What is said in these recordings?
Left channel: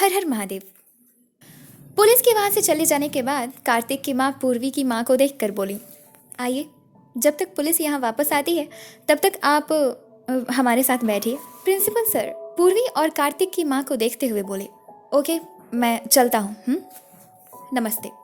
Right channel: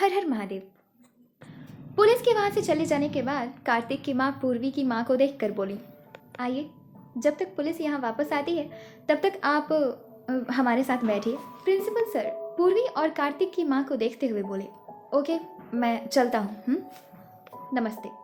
हर हर Mahadev. Police के वहां से चले जाने के बाद कार्तिक की माँ पूर्वी की माँ को देखकर बोली, आइए, जब तक पुलिस यहाँ वापस आती है तब तक आप हमारे साथ बैठिए। प्रिंसिपल सर पूर्वी और कार्तिक की माँ को देखते हुए बोले, ओके, मैं चलता हूँ। नमस्ते।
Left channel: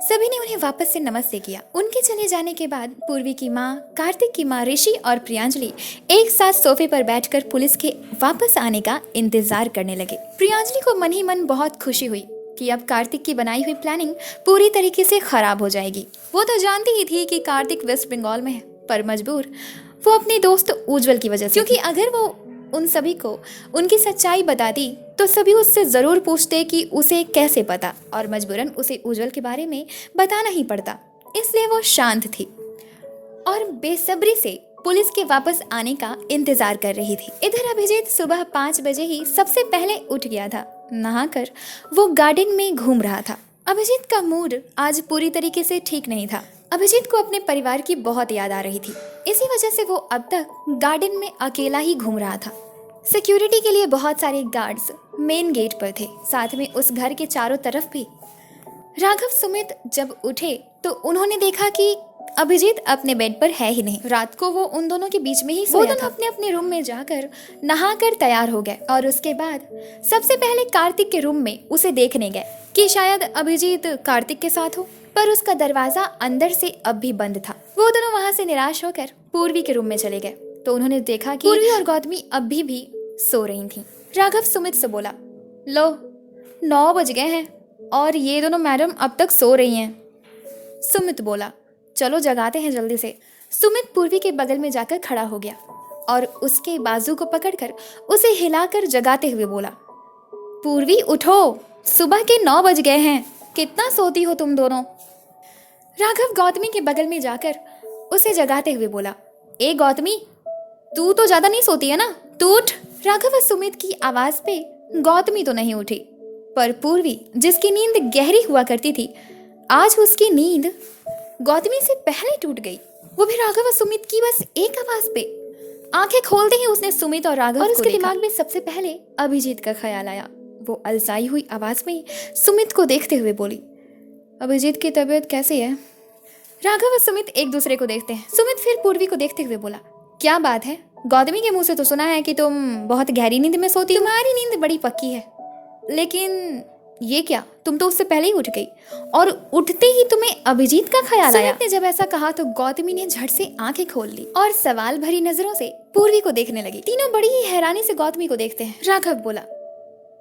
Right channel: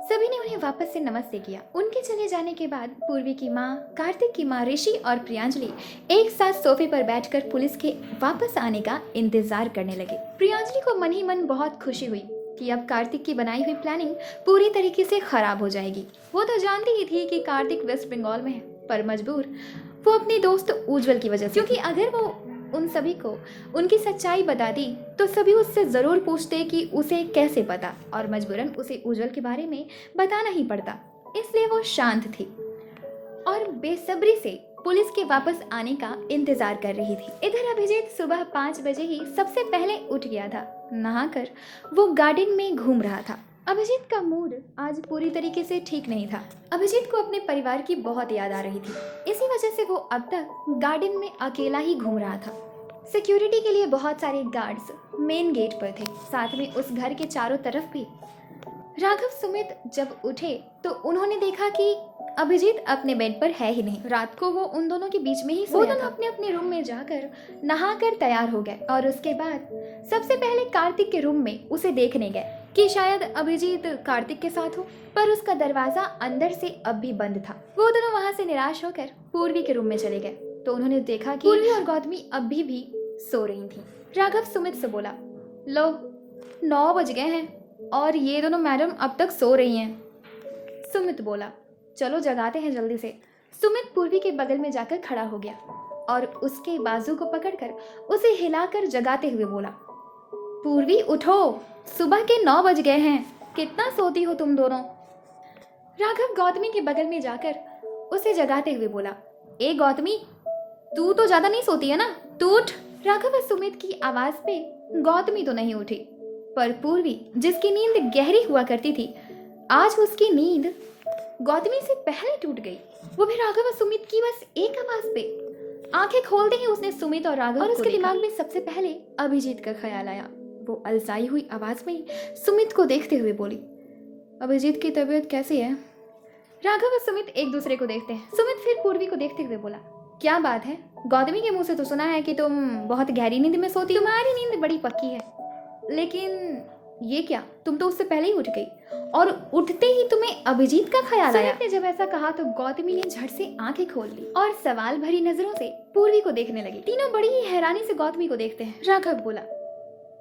सभी ने उन्हें वापस से नमस्ते किया। उनके चले जाने के बाद पूर्वी की माँ, कार्तिक की माँ ऋषि और प्रियांजलि एक साथ सोफे पर बैठकर पुलिस के वापस आने का इंतजार करने लगे। प्रियांजलि को मन ही मन बहुत खुशी हुई कि अब कार्तिक की बनाई हुई प्लानिंग पूरी तरीके से खराब हो जाएगी। वो तो जानती ही थी कि कार्तिक वेस्ट बंगाल में है, पर मजबूर वो अपने दोस्त उज्जवल की वजह से, क्योंकि अगर वो उन सभी को उनकी सच्चाई बता दी तो सभी उससे ज़रूर पूछते कि उसे कैसे पता, और मजबूरन उसे उज्जवल के बारे में बताना ही पड़ता। इसलिए वो शांत थी और बेसब्री से पुलिस के वापस आने का इंतजार कर रही थी। इधर अभिजीत सुबह 5 बजे ही सबसे पहले उठ गया था। नहाकर वो गार्डन में घूम रहा था। अभिजीत का मूड आज पूरी तरीके से ठीक नहीं था। अभिजीत को अपने परिवार की बहुत याद आ रही थी। इसी वजह से वो अब तक गार्डन में अकेला ही घूम रहा था। सिक्योरिटी के लिए बहुत सारे गार्ड्स मेन गेट पर थे, साथ में उस घर के चारों तरफ भी। राघव सुमित जब उठे तो उन्होंने देखा कि अभिजीत अपने बेड पर है ही नहीं। रात को वो उन दोनों के बीच में ही सोया था। वो दोनों अपने अपने रूम में जाकर नहाकर तैयार हो गए और उसके बाद सबसे पहले कार्तिक के रूम में उसे देखने गए कि शायद अभिजीत कार्तिक के साथ हो, पर उसका दरवाजा अंदर से अब भी बंद था। वो दोनों वहां से निराश होकर पूर्वी के रूम में चले गए तो उन्होंने देखा कि पूर्वी और गौतमी अभी भी सो रही थी। राघव सुमित से बोला, लो 9 बज गए हैं और ये दोनों मैडम अब तक सो रही हैं। सुमित बोला, चलो जगाते हैं जल्दी से। सुमित पूर्वी के बगल में जाकर खड़ा हो गया और उसके बाजू को पकड़कर उसे हिलाकर जगाते हुए बोला, पूर्वी उठो, सुबह के 9 बज गए हैं, कितना सोती हो तुम दोनों। राघव गौतमी के बगल में जाकर उसे जगाते हुए बोला, ए गौतमी, तू तो ज्यादा नहीं सोती है ना, तू उठ। राघव और सुमित की आवाज पे गौतमी तो नहीं उठी, पर पूर्वी जिसकी नींद गहरी हुआ करती थी, आज उसकी नींद गौतमी से पहले टूट गई। वो भी राघव और सुमित की बस एक आवाज पे। आंखें खोलते ही उसने सुमित और राघव और उसके दिमाग में सबसे पहले अभिजीत का ख्याल आया। वो अलसाई हुई आवाज में सुमित को देखते हुए बोली, अभिजीत की तबीयत कैसी है। राघव और सुमित एक दूसरे को देखते हैं। सुमित फिर पूर्वी को देखते हुए बोला, क्या बात है, गौतमी के मुंह से तो सुना है कि तुम बहुत गहरी नींद में सोती हो। तुम्हारी नींद बड़ी पक्की है, लेकिन ये क्या, तुम तो उससे पहले ही उठ गई और उठते ही तुम्हें अभिजीत का ख्याल आया। सुमित ने जब ऐसा कहा तो गौतमी ने झट से आंखें खोल ली और सवाल भरी नजरों से पूर्वी को देखने लगी। तीनों बड़ी ही हैरानी से गौतमी को देखते हैं। राघव बोला,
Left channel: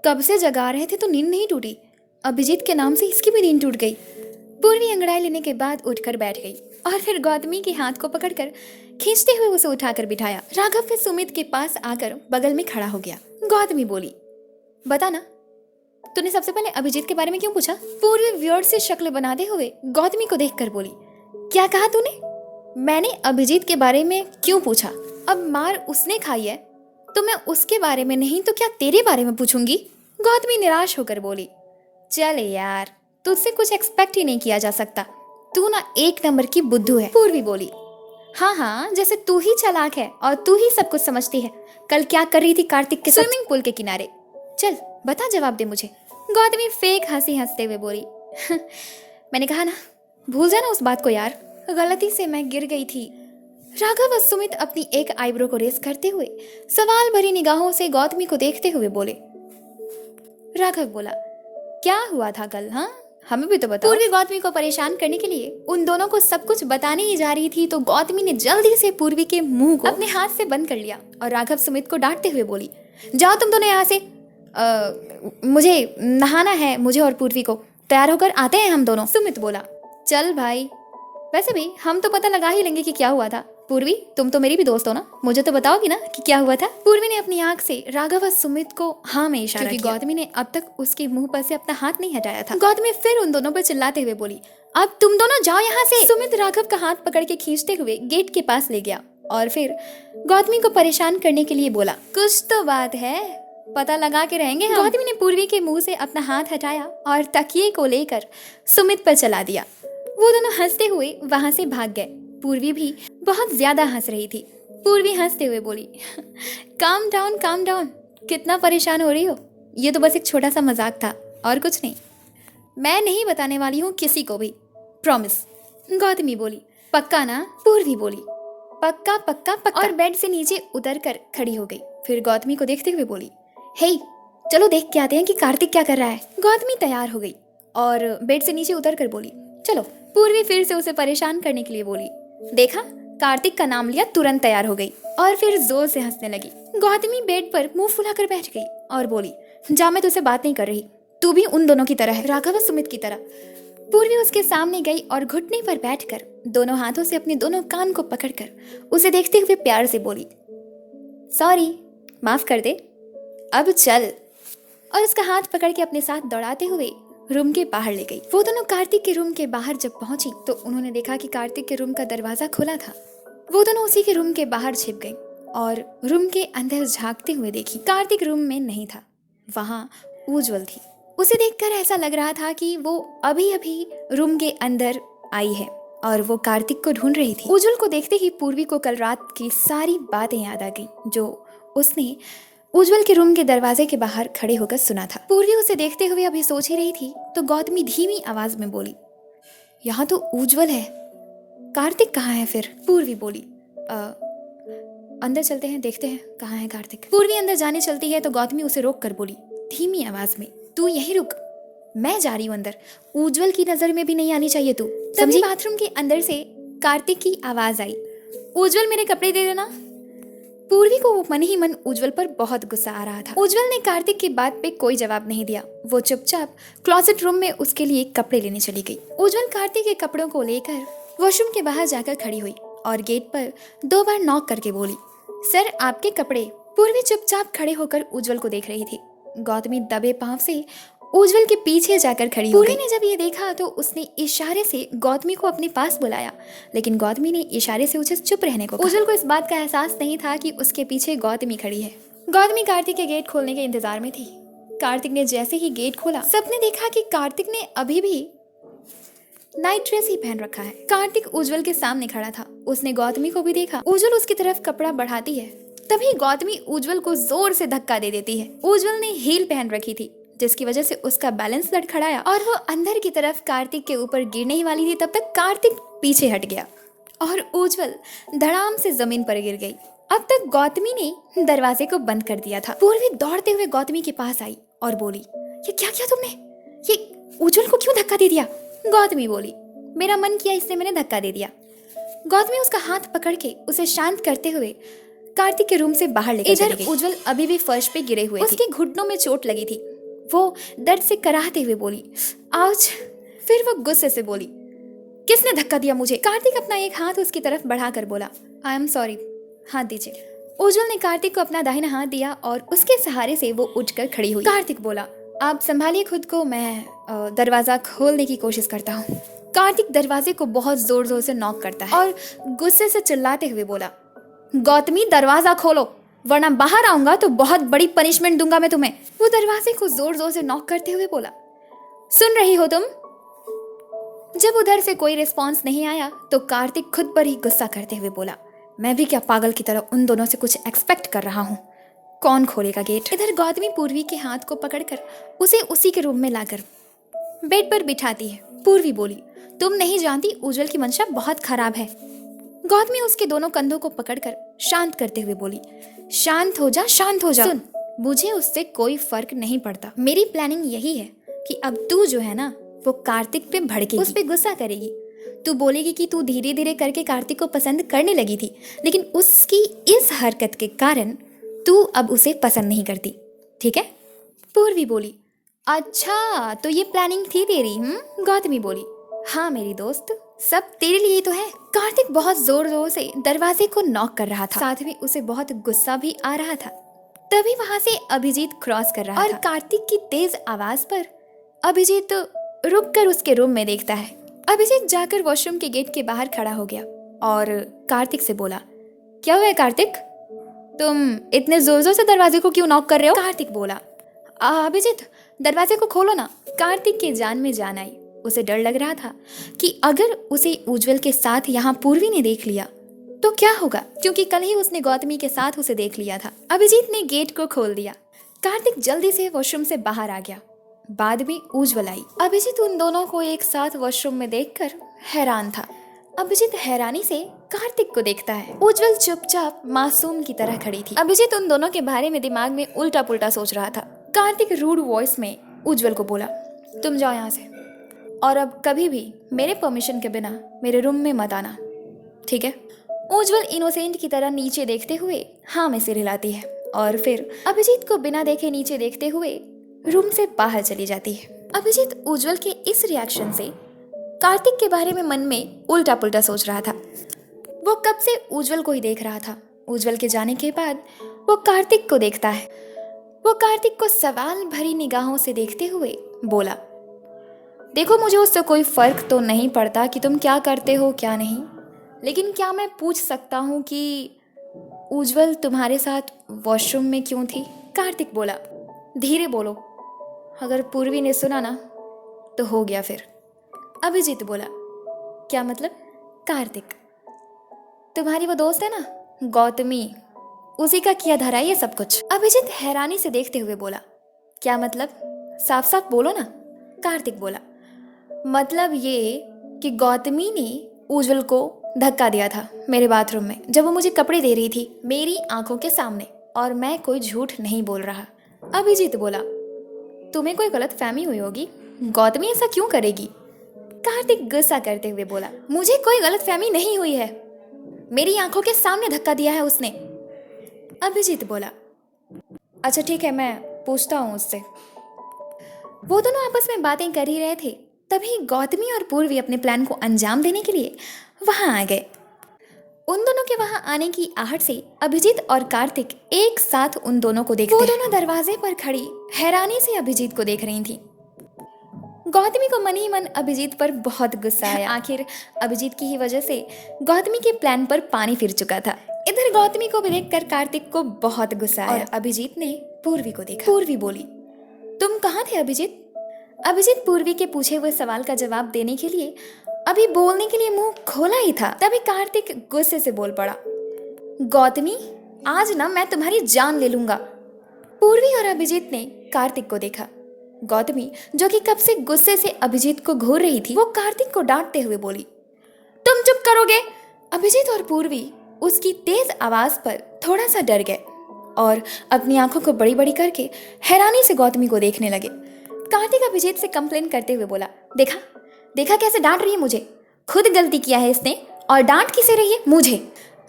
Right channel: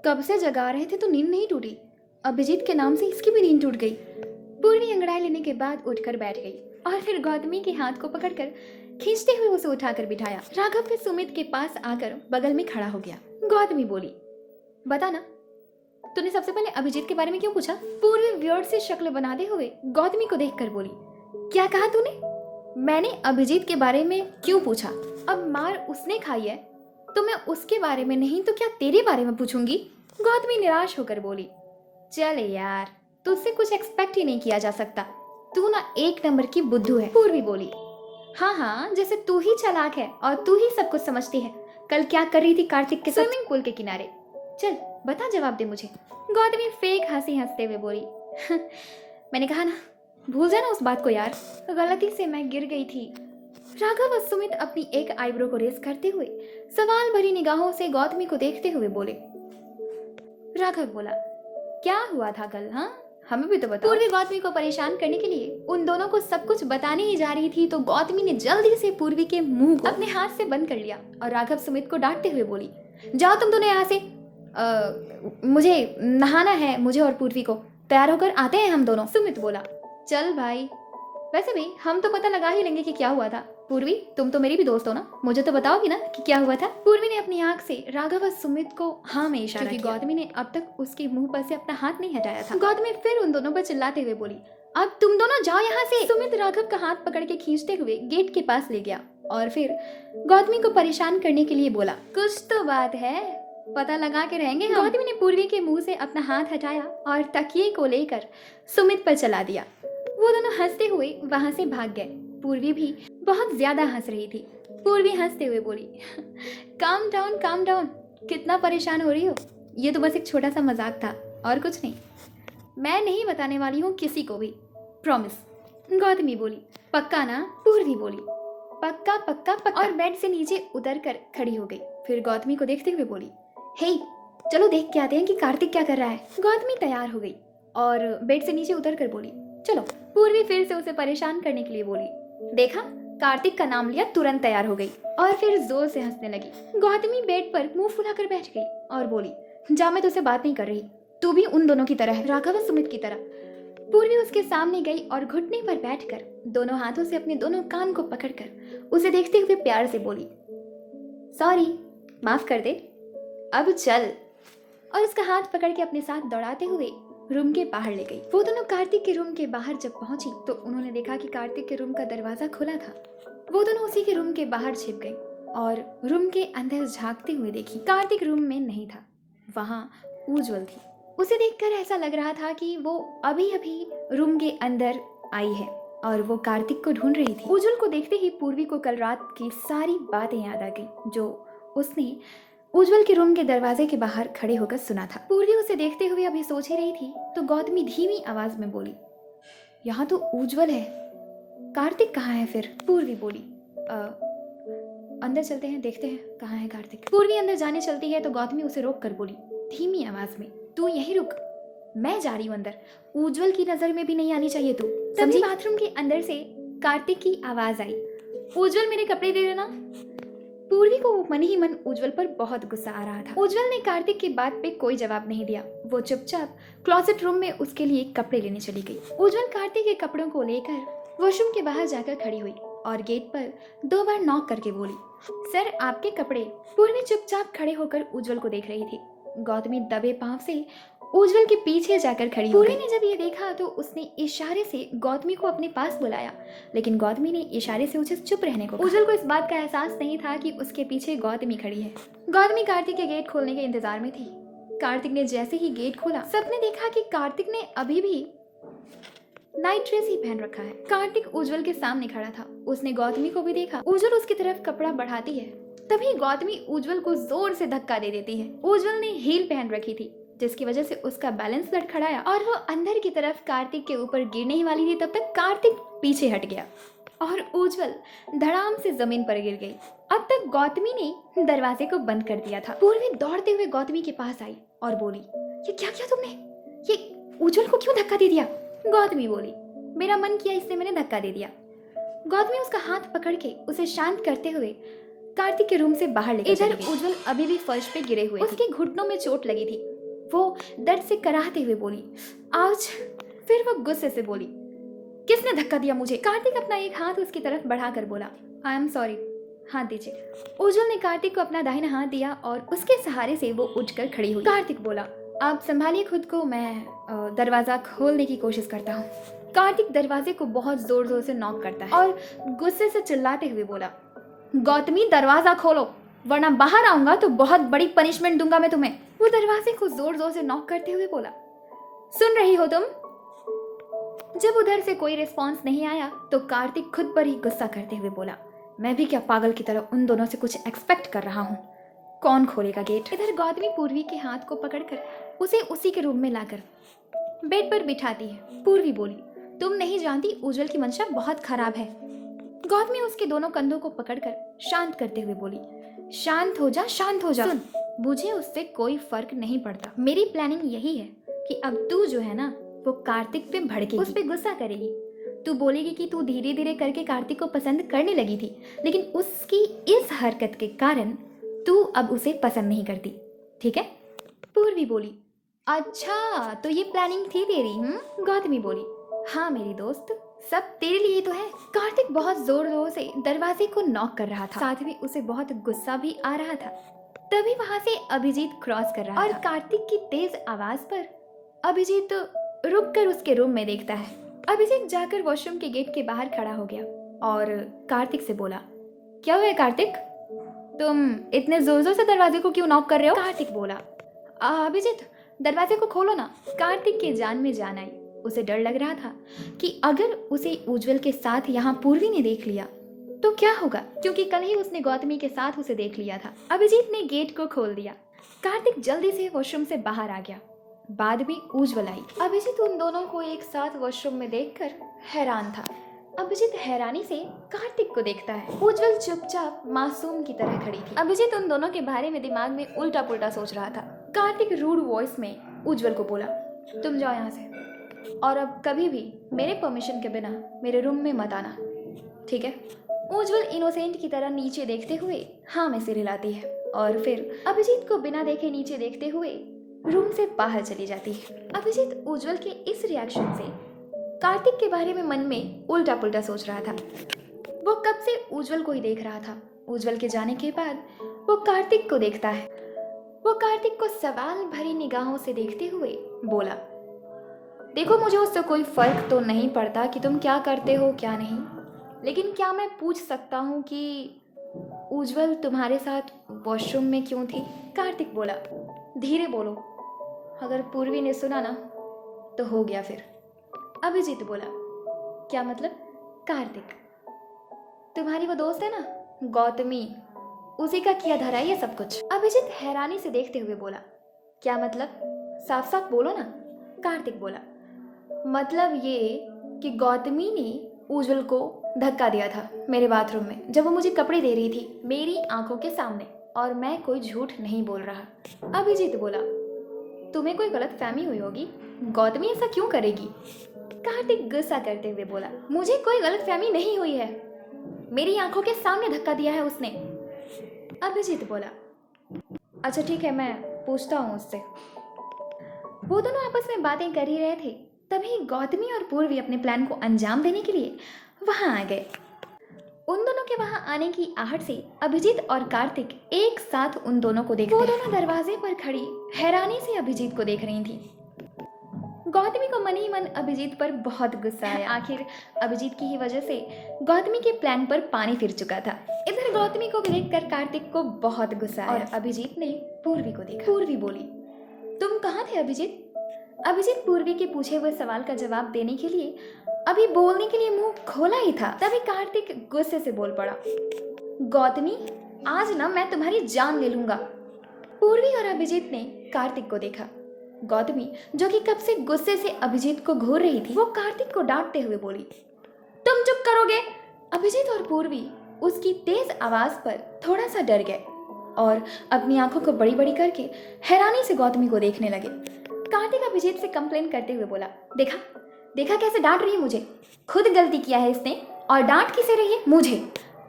कब से जगा रहे थे तो नींद नहीं टूटी, अभिजीत के नाम से इसकी भी नींद टूट गई। पूर्वी अंगड़ाई लेने के बाद उठकर बैठ गई और फिर गौतमी के हाथ को पकड़कर खींचते हुए उसे उठाकर बिठाया। राघव फिर सुमित के पास आकर बगल में खड़ा हो गया। गौतमी बोली, बता ना, तूने सबसे पहले अभिजीत के बारे में क्यों पूछा। पूर्वी वियर्ड से शक्ल बनाते हुए गौतमी को देखकर बोली, क्या कहा तूने। मैंने अभिजीत के बारे में क्यों पूछा, अब मार उसने खाई है तो मैं उसके बारे में नहीं तो क्या तेरे बारे में पूछूंगी। गौतमी निराश होकर बोली, चल यार, तुझसे कुछ एक्सपेक्ट ही नहीं किया जा सकता, तू ना एक नंबर की बुद्धू है। पूर्वी बोली, हाँ हाँ, जैसे तू ही चालाक है और तू ही सब कुछ समझती है। कल क्या कर रही थी कार्तिक के साथ स्विमिंग पूल के किनारे, चल बता, जवाब दे मुझे। गौतमी फेक हंसी हंसते हुए बोली, मैंने कहा ना, भूल जाना उस बात को यार, गलती से मैं गिर गई थी। राघव और सुमित अपनी एक आईब्रो को रेस करते हुए सवाल भरी निगाहों से गौतमी को देखते हुए बोले। राघव बोला, क्या हुआ था कल, हाँ हमें भी तो बताओ। पूर्वी गौतमी को परेशान करने के लिए उन दोनों को सब कुछ बताने ही जा रही थी तो गौतमी ने जल्दी से पूर्वी के मुंह को अपने हाथ से बंद कर लिया और राघव सुमित को डांटते हुए बोली, जाओ तुम दोनों यहाँ से, मुझे नहाना है, मुझे और पूर्वी को, तैयार होकर आते हैं हम दोनों। सुमित बोला, चल भाई, वैसे भी हम तो पता लगा ही लेंगे कि क्या हुआ था। पूर्वी, तुम तो मेरी भी दोस्त हो ना, मुझे तो बताओगी ना कि क्या हुआ था। पूर्वी ने अपनी आंख से राघव और सुमित को हाँ में इशारा किया, क्योंकि गौतमी ने अब तक उसके मुंह पर से अपना हाथ नहीं हटाया था। गौतमी फिर उन दोनों पर चिल्लाते हुए बोली, अब तुम दोनों जाओ यहाँ से। सुमित राघव का हाथ पकड़ के खींचते हुए गेट के पास ले गया और फिर गौतमी को परेशान करने के लिए बोला, कुछ तो बात है, पता लगा के रहेंगे। गौतमी ने पूर्वी के मुंह से अपना हाथ हटाया और तकिए को लेकर सुमित पर चला दिया। वो दोनों हंसते हुए वहां से भाग गए। पूर्वी भी बहुत ज्यादा हंस रही थी। पूर्वी हंसते हुए बोली, काम डाउन, कितना परेशान हो रही हो, ये तो बस एक छोटा सा मजाक था और कुछ नहीं। मैं नहीं बताने वाली हूँ किसी को भी, प्रॉमिस। गौतमी बोली। पक्का ना? पूर्वी बोली। पक्का पक्का पक्का। और बेड से नीचे उतर कर खड़ी हो गई। फिर गौतमी को देखते हुए बोली, हे चलो देख के आते हैं कि कार्तिक क्या कर रहा है। गौतमी तैयार हो गई और बेड से नीचे उतर कर बोली, चलो। पूर्वी फिर से उसे परेशान करने के लिए बोली, देखा, कार्तिक का नाम लिया तुरंत तैयार हो गई और फिर जोर से हंसने लगी। गौतमी बेड पर मुंह फुलाकर बैठ गई और बोली, जा, मैं तुझसे बात नहीं कर रही, तू भी उन दोनों की तरह है, राघव और सुमित की तरह। पूर्वी उसके सामने गई और घुटने पर बैठकर दोनों हाथों से अपने दोनों कान को पकड़कर उसे देखते हुए प्यार से बोली, सॉरी, माफ कर दे, अब चल। और उसका हाथ पकड़ के अपने साथ दौड़ाते हुए रूम के बाहर ले गई। वो दोनों कार्तिक के रूम के बाहर जब पहुंची तो उन्होंने देखा कि कार्तिक के रूम का दरवाजा खुला था। वो दोनों उसी के रूम के बाहर छिप गई और रूम के अंदर झांकते हुए देखी। कार्तिक रूम में नहीं था, वहाँ उज्जवल थी। उसे देखकर ऐसा लग रहा था कि वो अभी अभी रूम के अंदर आई है और वो कार्तिक को ढूंढ रही थी। उज्जवल को देखते ही पूर्वी को कल रात की सारी बातें याद आ गई जो उसने उज्जवल के रूम के दरवाजे के बाहर खड़े होकर सुना था। पूर्वी उसे देखते हुए अभी सोच ही रही थी तो गौतमी धीमी आवाज में बोली, यहाँ तो उज्जवल है, कार्तिक कहाँ है फिर? पूर्वी बोली, अंदर चलते हैं, देखते हैं कहाँ है कार्तिक। पूर्वी अंदर जाने चलती है तो गौतमी उसे रोक कर बोली धीमी आवाज में, तू यहीं रुक, मैं जा रही हूँ अंदर, उज्जवल की नजर में भी नहीं आनी चाहिए तू, समझी? बाथरूम के अंदर से कार्तिक की आवाज आई, उज्जवल मेरे कपड़े दे देना। पूर्वी को मन ही मन उज्जवल पर बहुत गुस्सा आ रहा था। उज्जवल ने कार्तिक की बात पे कोई जवाब नहीं दिया। वो चुपचाप क्लोजेट रूम में उसके लिए कपड़े लेने चली गई। उज्जवल कार्तिक के कपड़ों को लेकर वॉशरूम के बाहर जाकर खड़ी हुई और गेट पर 2 बार नॉक करके बोली, सर आपके कपड़े। पूर्वी चुपचाप खड़े होकर उज्जवल को देख रही थी। गौतमी दबे पांव से उज्जवल के पीछे जाकर खड़ी हो गई। पूर्वी ने जब ये देखा तो उसने इशारे से गौतमी को अपने पास बुलाया, लेकिन गौतमी ने इशारे से उसे चुप रहने को कहा। उज्जवल को इस बात का एहसास नहीं था कि उसके पीछे गौतमी खड़ी है। गौतमी कार्तिक के गेट खोलने के इंतजार में थी। कार्तिक ने जैसे ही गेट खोला, सबने देखा कि कार्तिक ने अभी भी नाइट ड्रेस ही पहन रखा है। कार्तिक उज्जवल के सामने खड़ा था। उसने गौतमी को भी देखा। उज्जवल उसकी तरफ कपड़ा बढ़ाती है, तभी गौतमी उज्जवल को जोर से धक्का दे देती है। उज्जवल ने हील पहन रखी थी जिसकी वजह से उसका बैलेंस लड़खड़ाया और वो अंदर की तरफ कार्तिक के ऊपर गिरने ही वाली थी। तब तक कार्तिक पीछे हट गया और उज्जवल धड़ाम से जमीन पर गिर गई। अब तक गौतमी ने दरवाजे को बंद कर दिया था। पूर्वी दौड़ते हुए गौतमी के पास आई और बोली, ये क्या किया तुमने? ये उज्जवल को क्यों धक्का दे दिया? गौतमी बोली, मेरा मन किया इसलिए मैंने धक्का दे दिया। गौतमी उसका हाथ पकड़ के उसे शांत करते हुए कार्तिक के रूम से बाहर लेकर चली गई। इधर उज्जवल अभी भी फर्श पे गिरे हुए थे। उसके घुटनों में चोट लगी थी। वो दर्द से कराहते हुए बोली, आउच। फिर वो गुस्से से बोली, किसने धक्का दिया मुझे? कार्तिक अपना एक हाथ उसकी तरफ बढ़ाकर बोला, आई एम सॉरी, हाथ दीजिए। उज्जवल ने कार्तिक को अपना दाहिना हाथ दिया और उसके सहारे से वो उठकर खड़ी हुई। कार्तिक बोला, आप संभालिए खुद को, मैं दरवाजा खोलने की कोशिश करता हूँ। कार्तिक दरवाजे को बहुत जोर जोर से नॉक करता है और गुस्से से चिल्लाते हुए बोला, गौतमी दरवाजा खोलो वरना बाहर आऊंगा तो बहुत बड़ी पनिशमेंट दूंगा मैं तुम्हें। वो दरवाजे को जोर जोर से नॉक करते हुए बोला, सुन रही हो तुम? जब उधर से कोई रिस्पांस नहीं आया तो कार्तिक खुद पर ही गुस्सा करते हुए बोला, मैं भी क्या पागल की तरह उन दोनों से कुछ एक्सपेक्ट कर रहा हूँ, कौन खोलेगा गेट? इधर गौतमी पूर्वी के हाथ को पकड़कर उसे उसी के रूम में लाकर बेड पर बिठाती है। पूर्वी बोली, तुम नहीं जानती उज्जवल की मंशा बहुत खराब है। गौतमी उसके दोनों कंधों को पकड़कर शांत करते हुए बोली, शांत हो जा, शांत हो जा। सुन, मुझे उससे कोई फर्क नहीं पड़ता। मेरी प्लानिंग यही है कि अब तू जो है ना वो कार्तिक पे भड़केगी, उस पे गुस्सा करेगी। तू बोलेगी कि तू धीरे धीरे करके कार्तिक को पसंद करने लगी थी, लेकिन उसकी इस हरकत के कारण तू अब उसे पसंद नहीं करती, ठीक है? पूर्वी बोली, अच्छा तो ये प्लानिंग थी तेरी? गौतमी बोली, हाँ मेरी दोस्त, सब तेरे लिए तो है। कार्तिक बहुत जोर जोर से दरवाजे को नॉक कर रहा था, साथ में उसे बहुत गुस्सा भी आ रहा था। तभी वहां से अभिजीत क्रॉस कर रहा था और कार्तिक की तेज आवाज पर अभिजीत रुक कर उसके रूम में देखता है। अभिजीत जाकर वॉशरूम के गेट के बाहर खड़ा हो गया और कार्तिक से बोला, क्या हुआ है कार्तिक, तुम इतने जोर जोर से दरवाजे को क्यों नॉक कर रहे हो? कार्तिक बोला, अभिजीत दरवाजे को खोलो ना। कार्तिक के जान में जान आई। उसे डर लग रहा था कि अगर उसे उज्जवल के साथ यहाँ पूर्वी ने देख लिया तो क्या होगा, क्योंकि कल ही उसने गौतमी के साथ उसे देख लिया था। अभिजीत ने गेट को खोल दिया। कार्तिक जल्दी से वॉशरूम से बाहर आ गया। बाद में उज्जवल आई। अभिजीत उन दोनों को एक साथ वॉशरूम में देखकर हैरान था। अभिजीत हैरानी से कार्तिक को देखता है। उज्जवल चुपचाप मासूम की तरह खड़ी थी। अभिजीत उन दोनों के बारे में दिमाग में उल्टा पुल्टा सोच रहा था। कार्तिक रूड वॉइस में उज्जवल को बोला, तुम जाओ यहाँ से, और अब कभी भी मेरे परमिशन के बिना मेरे रूम में मत आना, ठीक है? उज्जवल इनोसेंट की तरह नीचे देखते हुए हाँ में सिर हिलाती है और फिर अभिजीत को बिना देखे नीचे देखते हुए रूम से बाहर चली जाती है। अभिजीत उज्जवल के इस रिएक्शन से कार्तिक के बारे में मन में उल्टा पुल्टा सोच रहा था। वो कब से उज्जवल को ही देख रहा था। उज्जवल के जाने के बाद वो कार्तिक को देखता है। वो कार्तिक को सवाल भरी निगाहों से देखते हुए बोला, देखो मुझे उससे कोई फर्क तो नहीं पड़ता कि तुम क्या करते हो क्या नहीं, लेकिन क्या मैं पूछ सकता हूँ कि उज्जवल तुम्हारे साथ वॉशरूम में क्यों थी? कार्तिक बोला, धीरे बोलो, अगर पूर्वी ने सुना ना तो हो गया फिर। अभिजीत बोला, क्या मतलब? कार्तिक, तुम्हारी वो दोस्त है ना गौतमी, उसी का किया धरा ये सब कुछ। अभिजीत हैरानी से देखते हुए बोला, क्या मतलब? साफ साफ बोलो ना। कार्तिक बोला, मतलब ये कि गौतमी ने उज्जवल को धक्का दिया था मेरे बाथरूम में जब वो मुझे कपड़े दे रही थी मेरी आंखों के सामने, और मैं कोई झूठ नहीं बोल रहा। अभिजीत बोला, तुम्हें कोई गलत फहमी हुई होगी, गौतमी ऐसा क्यों करेगी? कार्तिक गुस्सा करते हुए बोला, मुझे कोई गलत फहमी नहीं हुई है, मेरी आंखों के सामने धक्का दिया है उसने। अभिजीत बोला, अच्छा ठीक है, मैं पूछता हूँ उससे। वो दोनों आपस में बातें कर ही रहे थे, तभी गौतमी और पूर्वी अपने प्लान को अंजाम देने के लिए वहां आ गए। उन दोनों के वहां आने की आहट से अभिजीत और कार्तिक एक साथ उन दोनों को देखते। वो दोनों दरवाजे पर खड़ी हैरानी से अभिजीत को देख रही थी। गौतमी को मन ही मन अभिजीत पर बहुत गुस्सा आया। आखिर अभिजीत की ही वजह से गौतमी के प्लान पर पानी फिर चुका था। इधर गौतमी को भी देखकर कार्तिक को बहुत गुस्सा आया। और अभिजीत ने पूर्वी को देखा। पूर्वी बोली, तुम कहाँ थे अभिजीत? अभिजीत पूर्वी के पूछे हुए सवाल का जवाब देने के लिए अभी बोलने के लिए मुंह खोला ही था, तभी कार्तिक गुस्से से बोल पड़ा, गौतमी, आज ना मैं तुम्हारी जान ले लूंगा। पूर्वी और अभिजीत ने कार्तिक को देखा। गौतमी, जो कि कब से गुस्से से अभिजीत को घूर रही थी, वो कार्तिक को डांटते हुए बोली, तुम चुप करोगे? अभिजीत और पूर्वी उसकी तेज आवाज पर थोड़ा सा डर गए और अपनी आंखों को बड़ी बड़ी करके हैरानी से गौतमी को देखने लगे। कार्तिक अभिजीत से कंप्लेन करते हुए बोला, देखा देखा कैसे डांट रही है मुझे, खुद गलती किया है इसने और डांट किसे रही है? मुझे।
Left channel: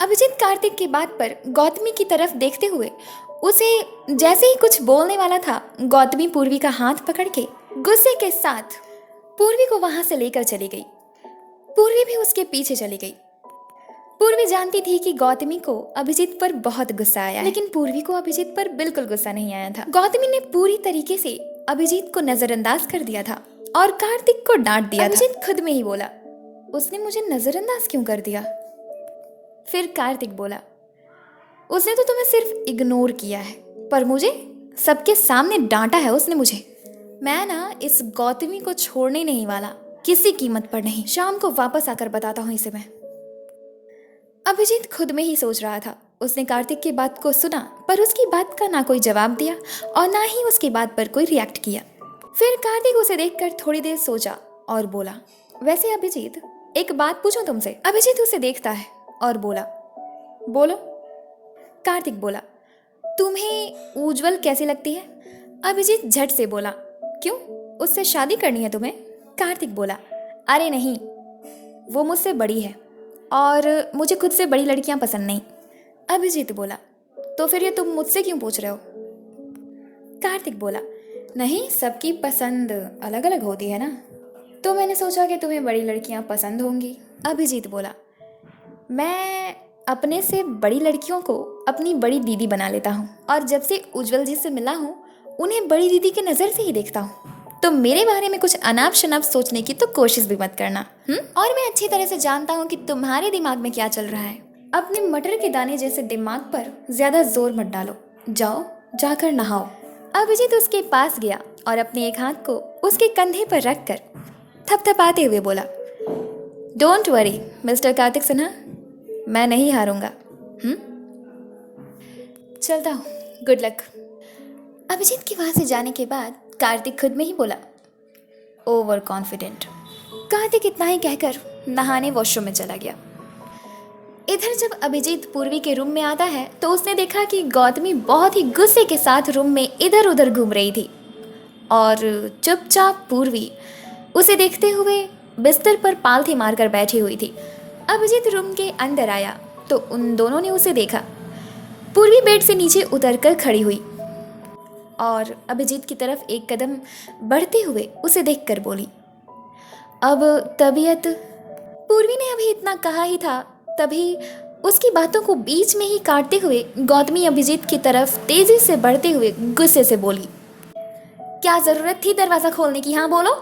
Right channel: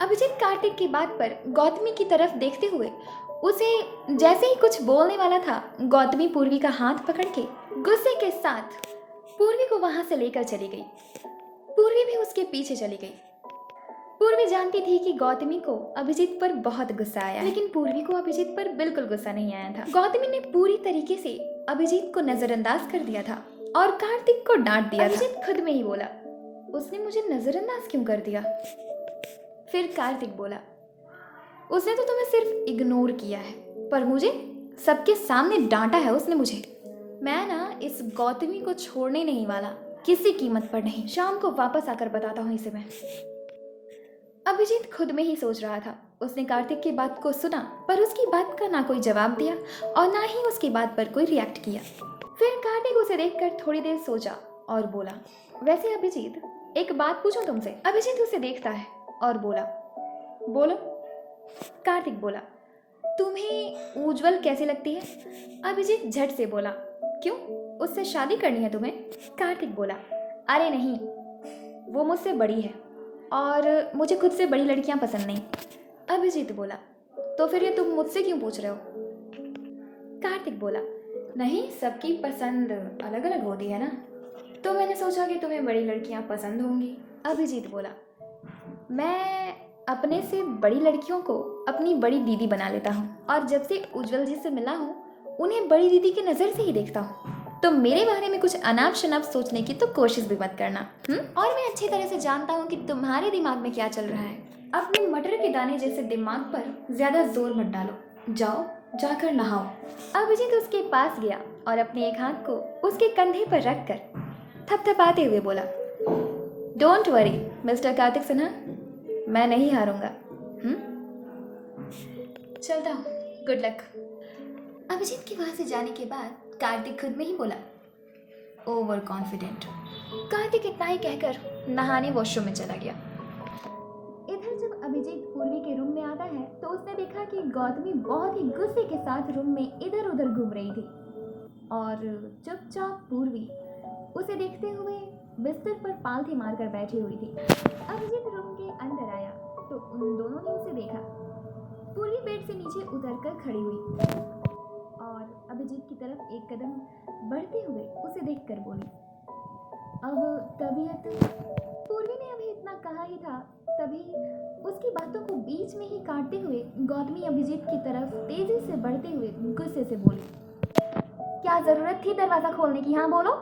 अभिजीत कार्तिक की बात पर गौतमी की तरफ देखते हुए उसे जैसे ही कुछ बोलने वाला था, गौतमी पूर्वी का हाथ पकड़ के गुस्से के साथ पूर्वी को वहां से लेकर चली गई। पूर्वी भी उसके पीछे चली गई। पूर्वी जानती थी कि गौतमी को अभिजीत पर बहुत गुस्सा आया है, लेकिन पूर्वी को अभिजीत पर बिल्कुल गुस्सा नहीं आया था। गौतमी ने पूरी तरीके से अभिजीत को नजरअंदाज कर दिया था और कार्तिक को डांट दिया। अभिजीत खुद में ही बोला, उसने मुझे नजरअंदाज क्यों कर दिया? फिर कार्तिक बोला, उसने तो तुम्हें सिर्फ इग्नोर किया है, पर मुझे सबके सामने डांटा है उसने मुझे। मैं ना इस गौतमी को छोड़ने नहीं वाला, किसी कीमत पर नहीं। शाम को वापस आकर बताता हूँ इसे मैं। अभिजीत खुद में ही सोच रहा था। उसने कार्तिक की बात को सुना, पर उसकी बात का ना कोई जवाब दिया और ना ही उसकी बात पर कोई रिएक्ट किया। फिर कार्तिक उसे देखकर थोड़ी देर सोचा और बोला, वैसे अभिजीत, एक बात पूछूं तुमसे? अभिजीत उसे देखता है और बोला, बोलो। कार्तिक बोला, तुम्हें उज्जवल कैसी लगती है? अभिजीत झट से बोला, क्यों, उससे शादी करनी है तुम्हें? कार्तिक बोला, अरे नहीं, वो मुझसे बड़ी है और मुझे खुद से बड़ी लड़कियां पसंद नहीं। अभिजीत बोला, तो फिर ये तुम मुझसे क्यों पूछ रहे हो? कार्तिक बोला, नहीं, सबकी पसंद अलग अलग होती है ना, तो मैंने सोचा कि तुम्हें बड़ी लड़कियां पसंद होंगी। अभिजीत बोला, मैं अपने से बड़ी लड़कियों को अपनी बड़ी दीदी बना लेता हूँ, और जब से उज्जवल जी से मिला हूँ उन्हें बड़ी दीदी की नज़र से ही देखता हूँ, तो मेरे बारे में कुछ अनाप शनाप सोचने की तो कोशिश भी मत करना। और मैं अच्छी तरह से जानता हूँ कि तुम्हारे दिमाग में क्या चल रहा है। अपने मटर के दाने जैसे दिमाग पर ज्यादा जोर मत डालो, जाओ जाकर नहाओ। अभिजीत उसके पास गया और अपने एक हाथ को उसके कंधे पर रखकर थपथपाते हुए बोला, don't worry mister Kartik Sinha, मैं नहीं हारूंगा। चलता हूँ, गुड लक। अभिजीत के वहां से जाने के बाद कार्तिक खुद में ही बोला, ओवर कॉन्फिडेंट। कार्तिक इतना ही कहकर नहाने वॉशरूम में चला गया। इधर जब अभिजीत पूर्वी के रूम में आता है तो उसने देखा कि गौतमी बहुत ही गुस्से के साथ रूम में इधर उधर घूम रही थी और चुपचाप पूर्वी उसे देखते हुए बिस्तर पर पालथी मारकर बैठी हुई थी। अभिजीत रूम के अंदर आया तो उन दोनों ने उसे देखा। पूर्वी बेड से नीचे उतरकर खड़ी हुई और अभिजीत की तरफ एक कदम बढ़ते हुए उसे देखकर बोली, अब तबीयत। पूर्वी ने अभी इतना कहा ही था, तभी उसकी बातों को बीच में ही काटते हुए गौतमी अभिजीत की तरफ तेजी से बढ़ते हुए गुस्से से बोली, क्या जरूरत थी दरवाजा खोलने की? हाँ बोलो,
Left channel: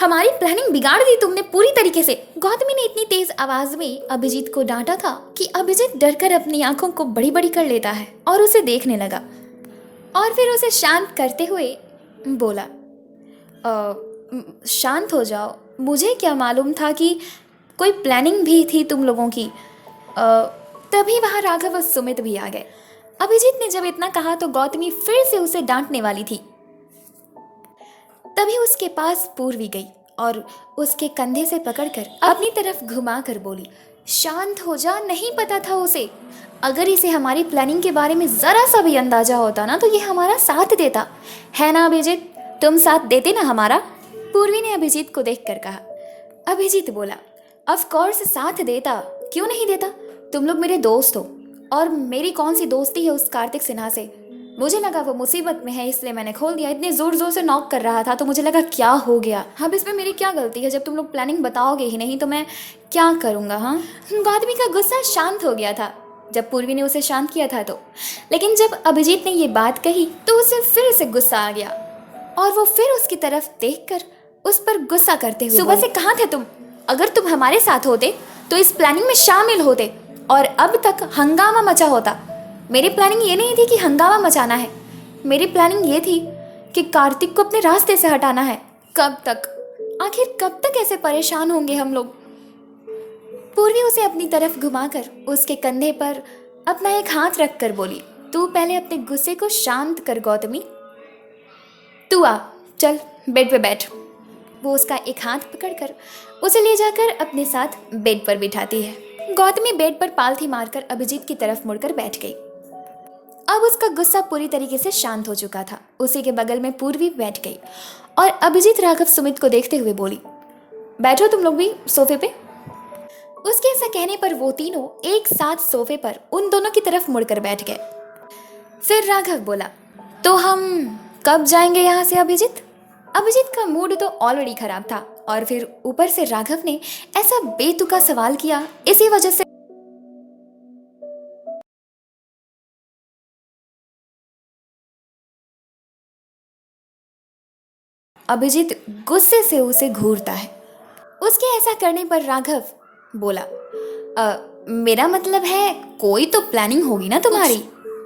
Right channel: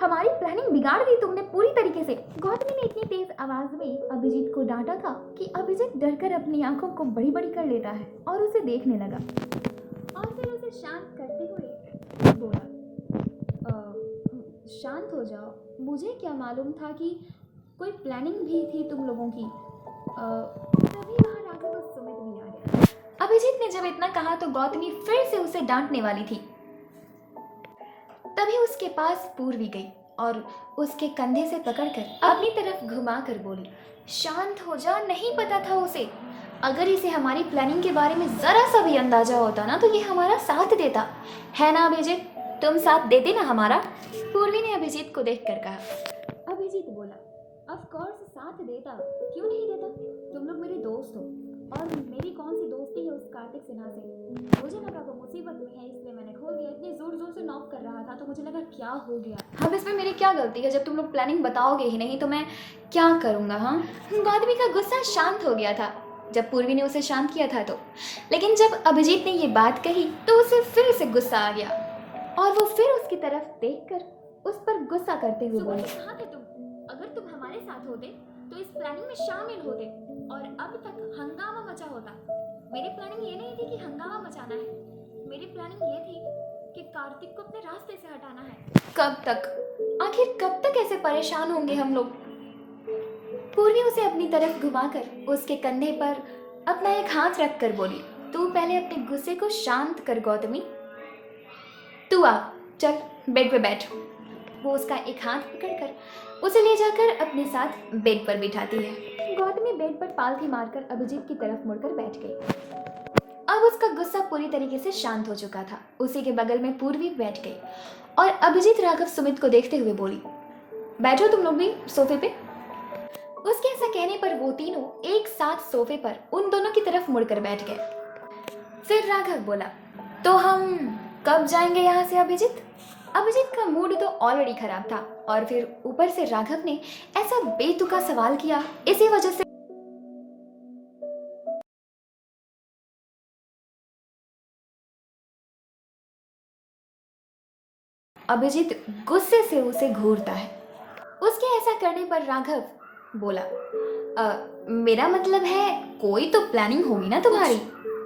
हमारी प्लानिंग बिगाड़ दी तुमने पूरी तरीके से। गौतमी ने इतनी तेज आवाज में अभिजीत को डांटा था कि अभिजीत डरकर अपनी आंखों को बड़ी बड़ी कर लेता है और उसे देखने लगा और फिर उसे शांत करते हुए बोला, शांत हो जाओ, मुझे क्या मालूम था कि कोई प्लानिंग भी थी तुम लोगों की। तभी वहाँ राघव और सुमित भी आ गए। अभिजीत ने जब इतना कहा तो गौतमी फिर से उसे डांटने वाली थी, तभी उसके पास पूर्वी गई और उसके कंधे से पकड़कर अपनी तरफ घुमा कर बोली, शांत हो जा, नहीं पता था उसे। अगर इसे हमारी प्लानिंग के बारे में जरा सा भी अंदाजा होता ना तो ये हमारा साथ देता, है ना अभिजीत? तुम साथ देते ना हमारा? पूर्वी ने अभिजीत को देखकर कहा। अभिजीत बोला, ऑफ कोर्स साथ देता, क्यों नहीं देता? तुम लोग मेरे दोस्त हो और मेरी कौन सी दोस्ती है उस कार्तिक सिन्हा से? मुझे लगा वो मुसीबत में है इसलिए मैंने खोल दिया। इतने जोर जोर से नॉक कर रहा था तो मुझे लगा क्या हो गया। अब इसमें मेरी क्या गलती है? जब तुम लोग प्लानिंग बताओगे ही नहीं तो मैं क्या करूँगा? हाँ, गौतमी का गुस्सा शांत हो गया था जब पूर्वी ने उसे शांत किया था तो, लेकिन जब अभिजीत ने ये बात कही तो उसे फिर से गुस्सा आ गया और वो फिर उसकी तरफ देखकर उस पर गुस्सा करते हुए, सुबह से कहाँ थे तुम? अगर तुम हमारे साथ होते तो इस प्लानिंग में शामिल होते और अब तक हंगामा मचा होता। मेरी प्लानिंग ये नहीं थी कि हंगामा मचाना है, मेरी प्लानिंग ये थी कि कार्तिक को अपने रास्ते से हटाना है। कब तक, आखिर कब तक ऐसे परेशान होंगे हम लोग? पूर्वी उसे अपनी तरफ घुमाकर उसके कंधे पर अपना एक हाथ रखकर बोली, तू पहले अपने गुस्से को शांत कर गौतमी, तू आ, चल बेड पे बैठ। वो उसका एक हाथ पकड़कर उसे ले जाकर अपने साथ बेड पर बिठाती है। गौतमी बेड पर पालथी मारकर अभिजीत की तरफ मुड़कर बैठ गई। अब उसका गुस्सा पूरी तरीके से शांत हो चुका था। उसी के बगल में पूर्वी बैठ गई और अभिजीत राघव सुमित को देखते हुए बोली, बैठो तुम लोग भी सोफे पे। उसके ऐसा कहने पर वो तीनों एक साथ सोफे पर उन दोनों की तरफ मुड़कर बैठ गए। फिर राघव बोला, तो हम कब जाएंगे यहाँ से अभिजीत? अभिजीत का मूड तो ऑलरेडी खराब था और फिर ऊपर से राघव ने ऐसा बेतुका सवाल किया, इसी वजह से अभिजीत गुस्से से उसे घूरता है। उसके ऐसा करने पर राघव बोला, मेरा मतलब है कोई तो प्लानिंग होगी ना तुम्हारी?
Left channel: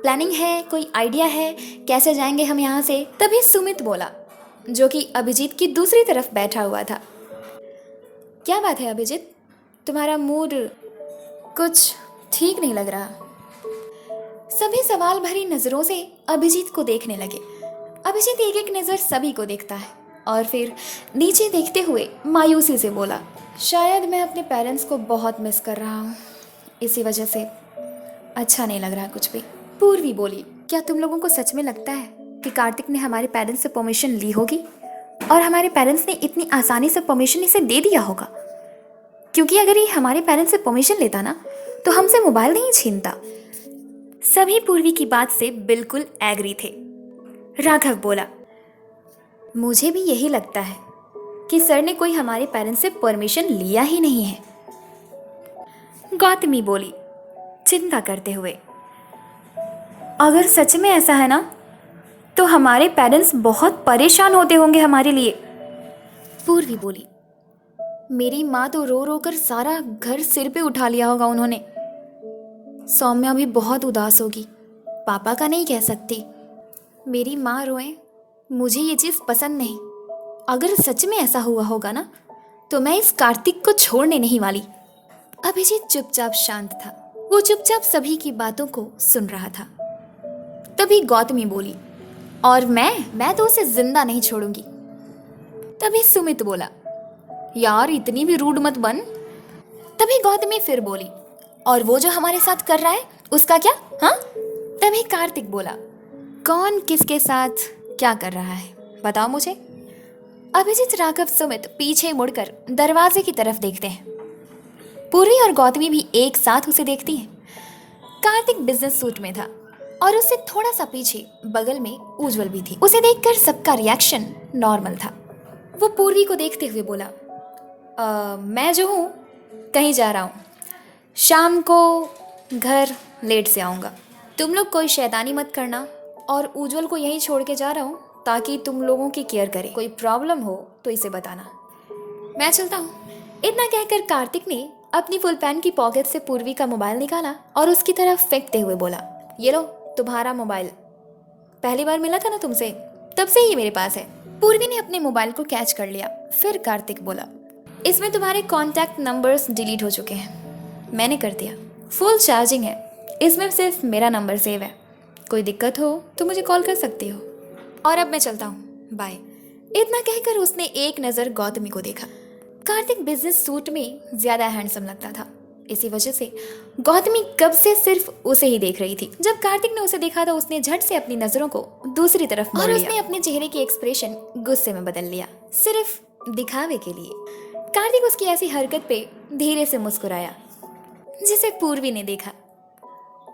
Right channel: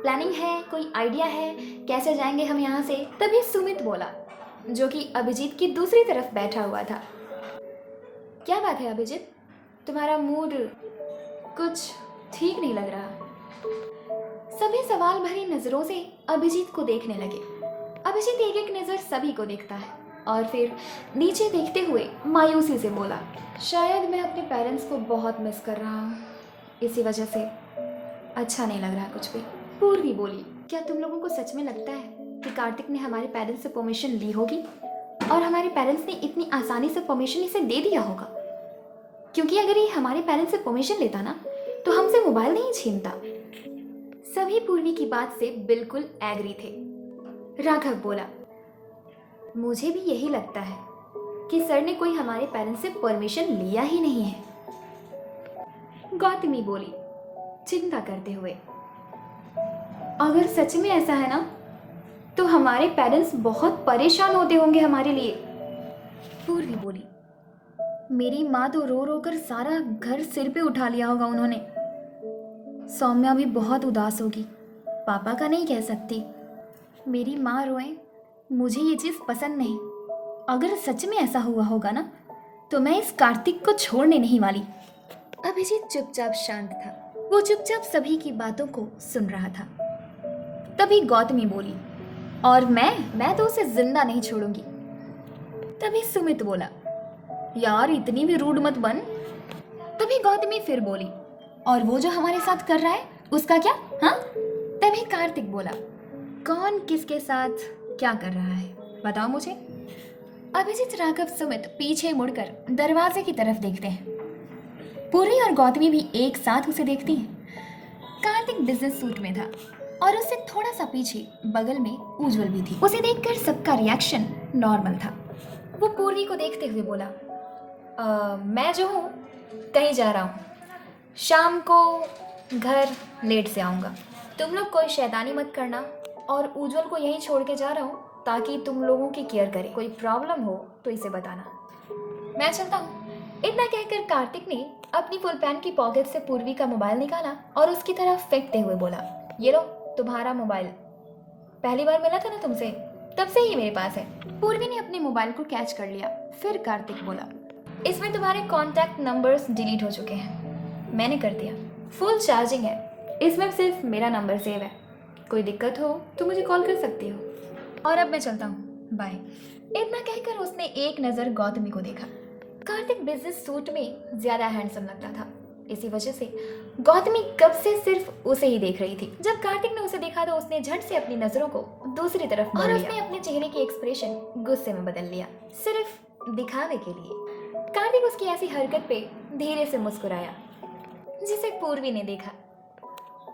प्लानिंग है, कोई आइडिया है कैसे जाएंगे हम यहाँ से? तभी सुमित बोला, जो कि अभिजीत की दूसरी तरफ बैठा हुआ था, क्या बात है अभिजीत, तुम्हारा मूड कुछ ठीक नहीं लग रहा। सभी सवाल भरी नजरों से अभिजीत को देखने लगे। अभिजीत एक एक नजर सभी को देखता है और फिर नीचे देखते हुए मायूसी से बोला, शायद मैं अपने पेरेंट्स को बहुत मिस कर रहा हूँ, इसी वजह से अच्छा नहीं लग रहा कुछ भी। पूर्वी बोली, क्या तुम लोगों को सच में लगता है कि कार्तिक ने हमारे पेरेंट्स से परमिशन ली होगी और हमारे पेरेंट्स ने इतनी आसानी से परमिशन इसे दे दिया होगा? क्योंकि अगर ये हमारे पेरेंट्स से परमिशन लेता ना तो हमसे मोबाइल नहीं छीनता। सभी पूर्वी की बात से बिल्कुल एग्री थे। राघव बोला, मुझे भी यही लगता है कि सर ने कोई हमारे पेरेंट्स से परमिशन लिया ही नहीं है। गौतमी बोली चिंता करते हुए, अगर सच में ऐसा है ना तो हमारे पेरेंट्स बहुत परेशान होते होंगे हमारे लिए। पूर्वी बोली, मेरी माँ तो रो रो कर सारा घर सिर पे उठा लिया होगा उन्होंने। सौम्या भी बहुत उदास होगी, पापा का नहीं कह सकती। मेरी माँ रोए, मुझे ये चीज़ पसंद नहीं। अगर सच में ऐसा हुआ होगा ना तो मैं इस कार्तिक को छोड़ने नहीं वाली। अभिजीत चुपचाप शांत था, वो चुपचाप सभी की बातों को सुन रहा था। तभी गौतमी बोली, और मैं तो उसे जिंदा नहीं छोड़ूंगी। तभी सुमित बोला, यार इतनी भी रूड मत बन। तभी गौतमी फिर बोली, और वो जो हमारे साथ कर रहा है उसका क्या? हाँ? तभी कार्तिक बोला, कौन किसके साथ क्या कर रहा है बताओ मुझे। अभिजीत, राघव, सुमित पीछे मुड़कर दरवाजे की तरफ देखते हैं। पूर्वी और गौतमी भी एक साथ उसे देखती हैं। कार्तिक बिजनेस सूट में था और उससे थोड़ा सा पीछे बगल में उज्जवल भी थी। उसे देखकर सबका रिएक्शन नॉर्मल था। वो पूर्वी को देखते हुए बोला, मैं जो हूँ कहीं जा रहा हूँ, शाम को घर लेट से आऊँगा। तुम लोग कोई शैतानी मत करना, और उज्जवल को यहीं छोड़ के जा रहा हूँ ताकि तुम लोगों की केयर करे। कोई प्रॉब्लम हो तो इसे बताना। मैं चलता हूँ। इतना कहकर कार्तिक ने अपनी फुल पैंट की पॉकेट से पूर्वी का मोबाइल निकाला और उसकी तरफ फेंकते हुए बोला, ये लो तुम्हारा मोबाइल। पहली बार मिला था ना तुमसे, तब से ही मेरे पास है। पूर्वी ने अपने मोबाइल को कैच कर लिया। फिर कार्तिक बोला, इसमें तुम्हारे कॉन्टैक्ट नंबर्स डिलीट हो चुके हैं। मैंने कर दिया, फुल चार्जिंग है, इसमें सिर्फ मेरा नंबर सेव है। कोई दिक्कत हो तो मुझे कॉल कर सकती हो। और अब मैं चलता हूँ, बाय। इतना कहकर उसने एक नज़र गौतमी को देखा। कार्तिक बिजनेस सूट में ज्यादा हैंडसम लगता था। इसी वजह से गौतमी कब से सिर्फ उसे ही देख रही थी। जब कार्तिक ने उसे देखा तो उसने झट से अपनी नजरों को दूसरी तरफ मोड़ लिया और उसने अपने चेहरे की एक्सप्रेशन गुस्से में बदल लिया, सिर्फ दिखावे के लिए। कार्तिक उसकी ऐसी हरकत पे धीरे से मुस्कुराया, जिसे पूर्वी ने देखा,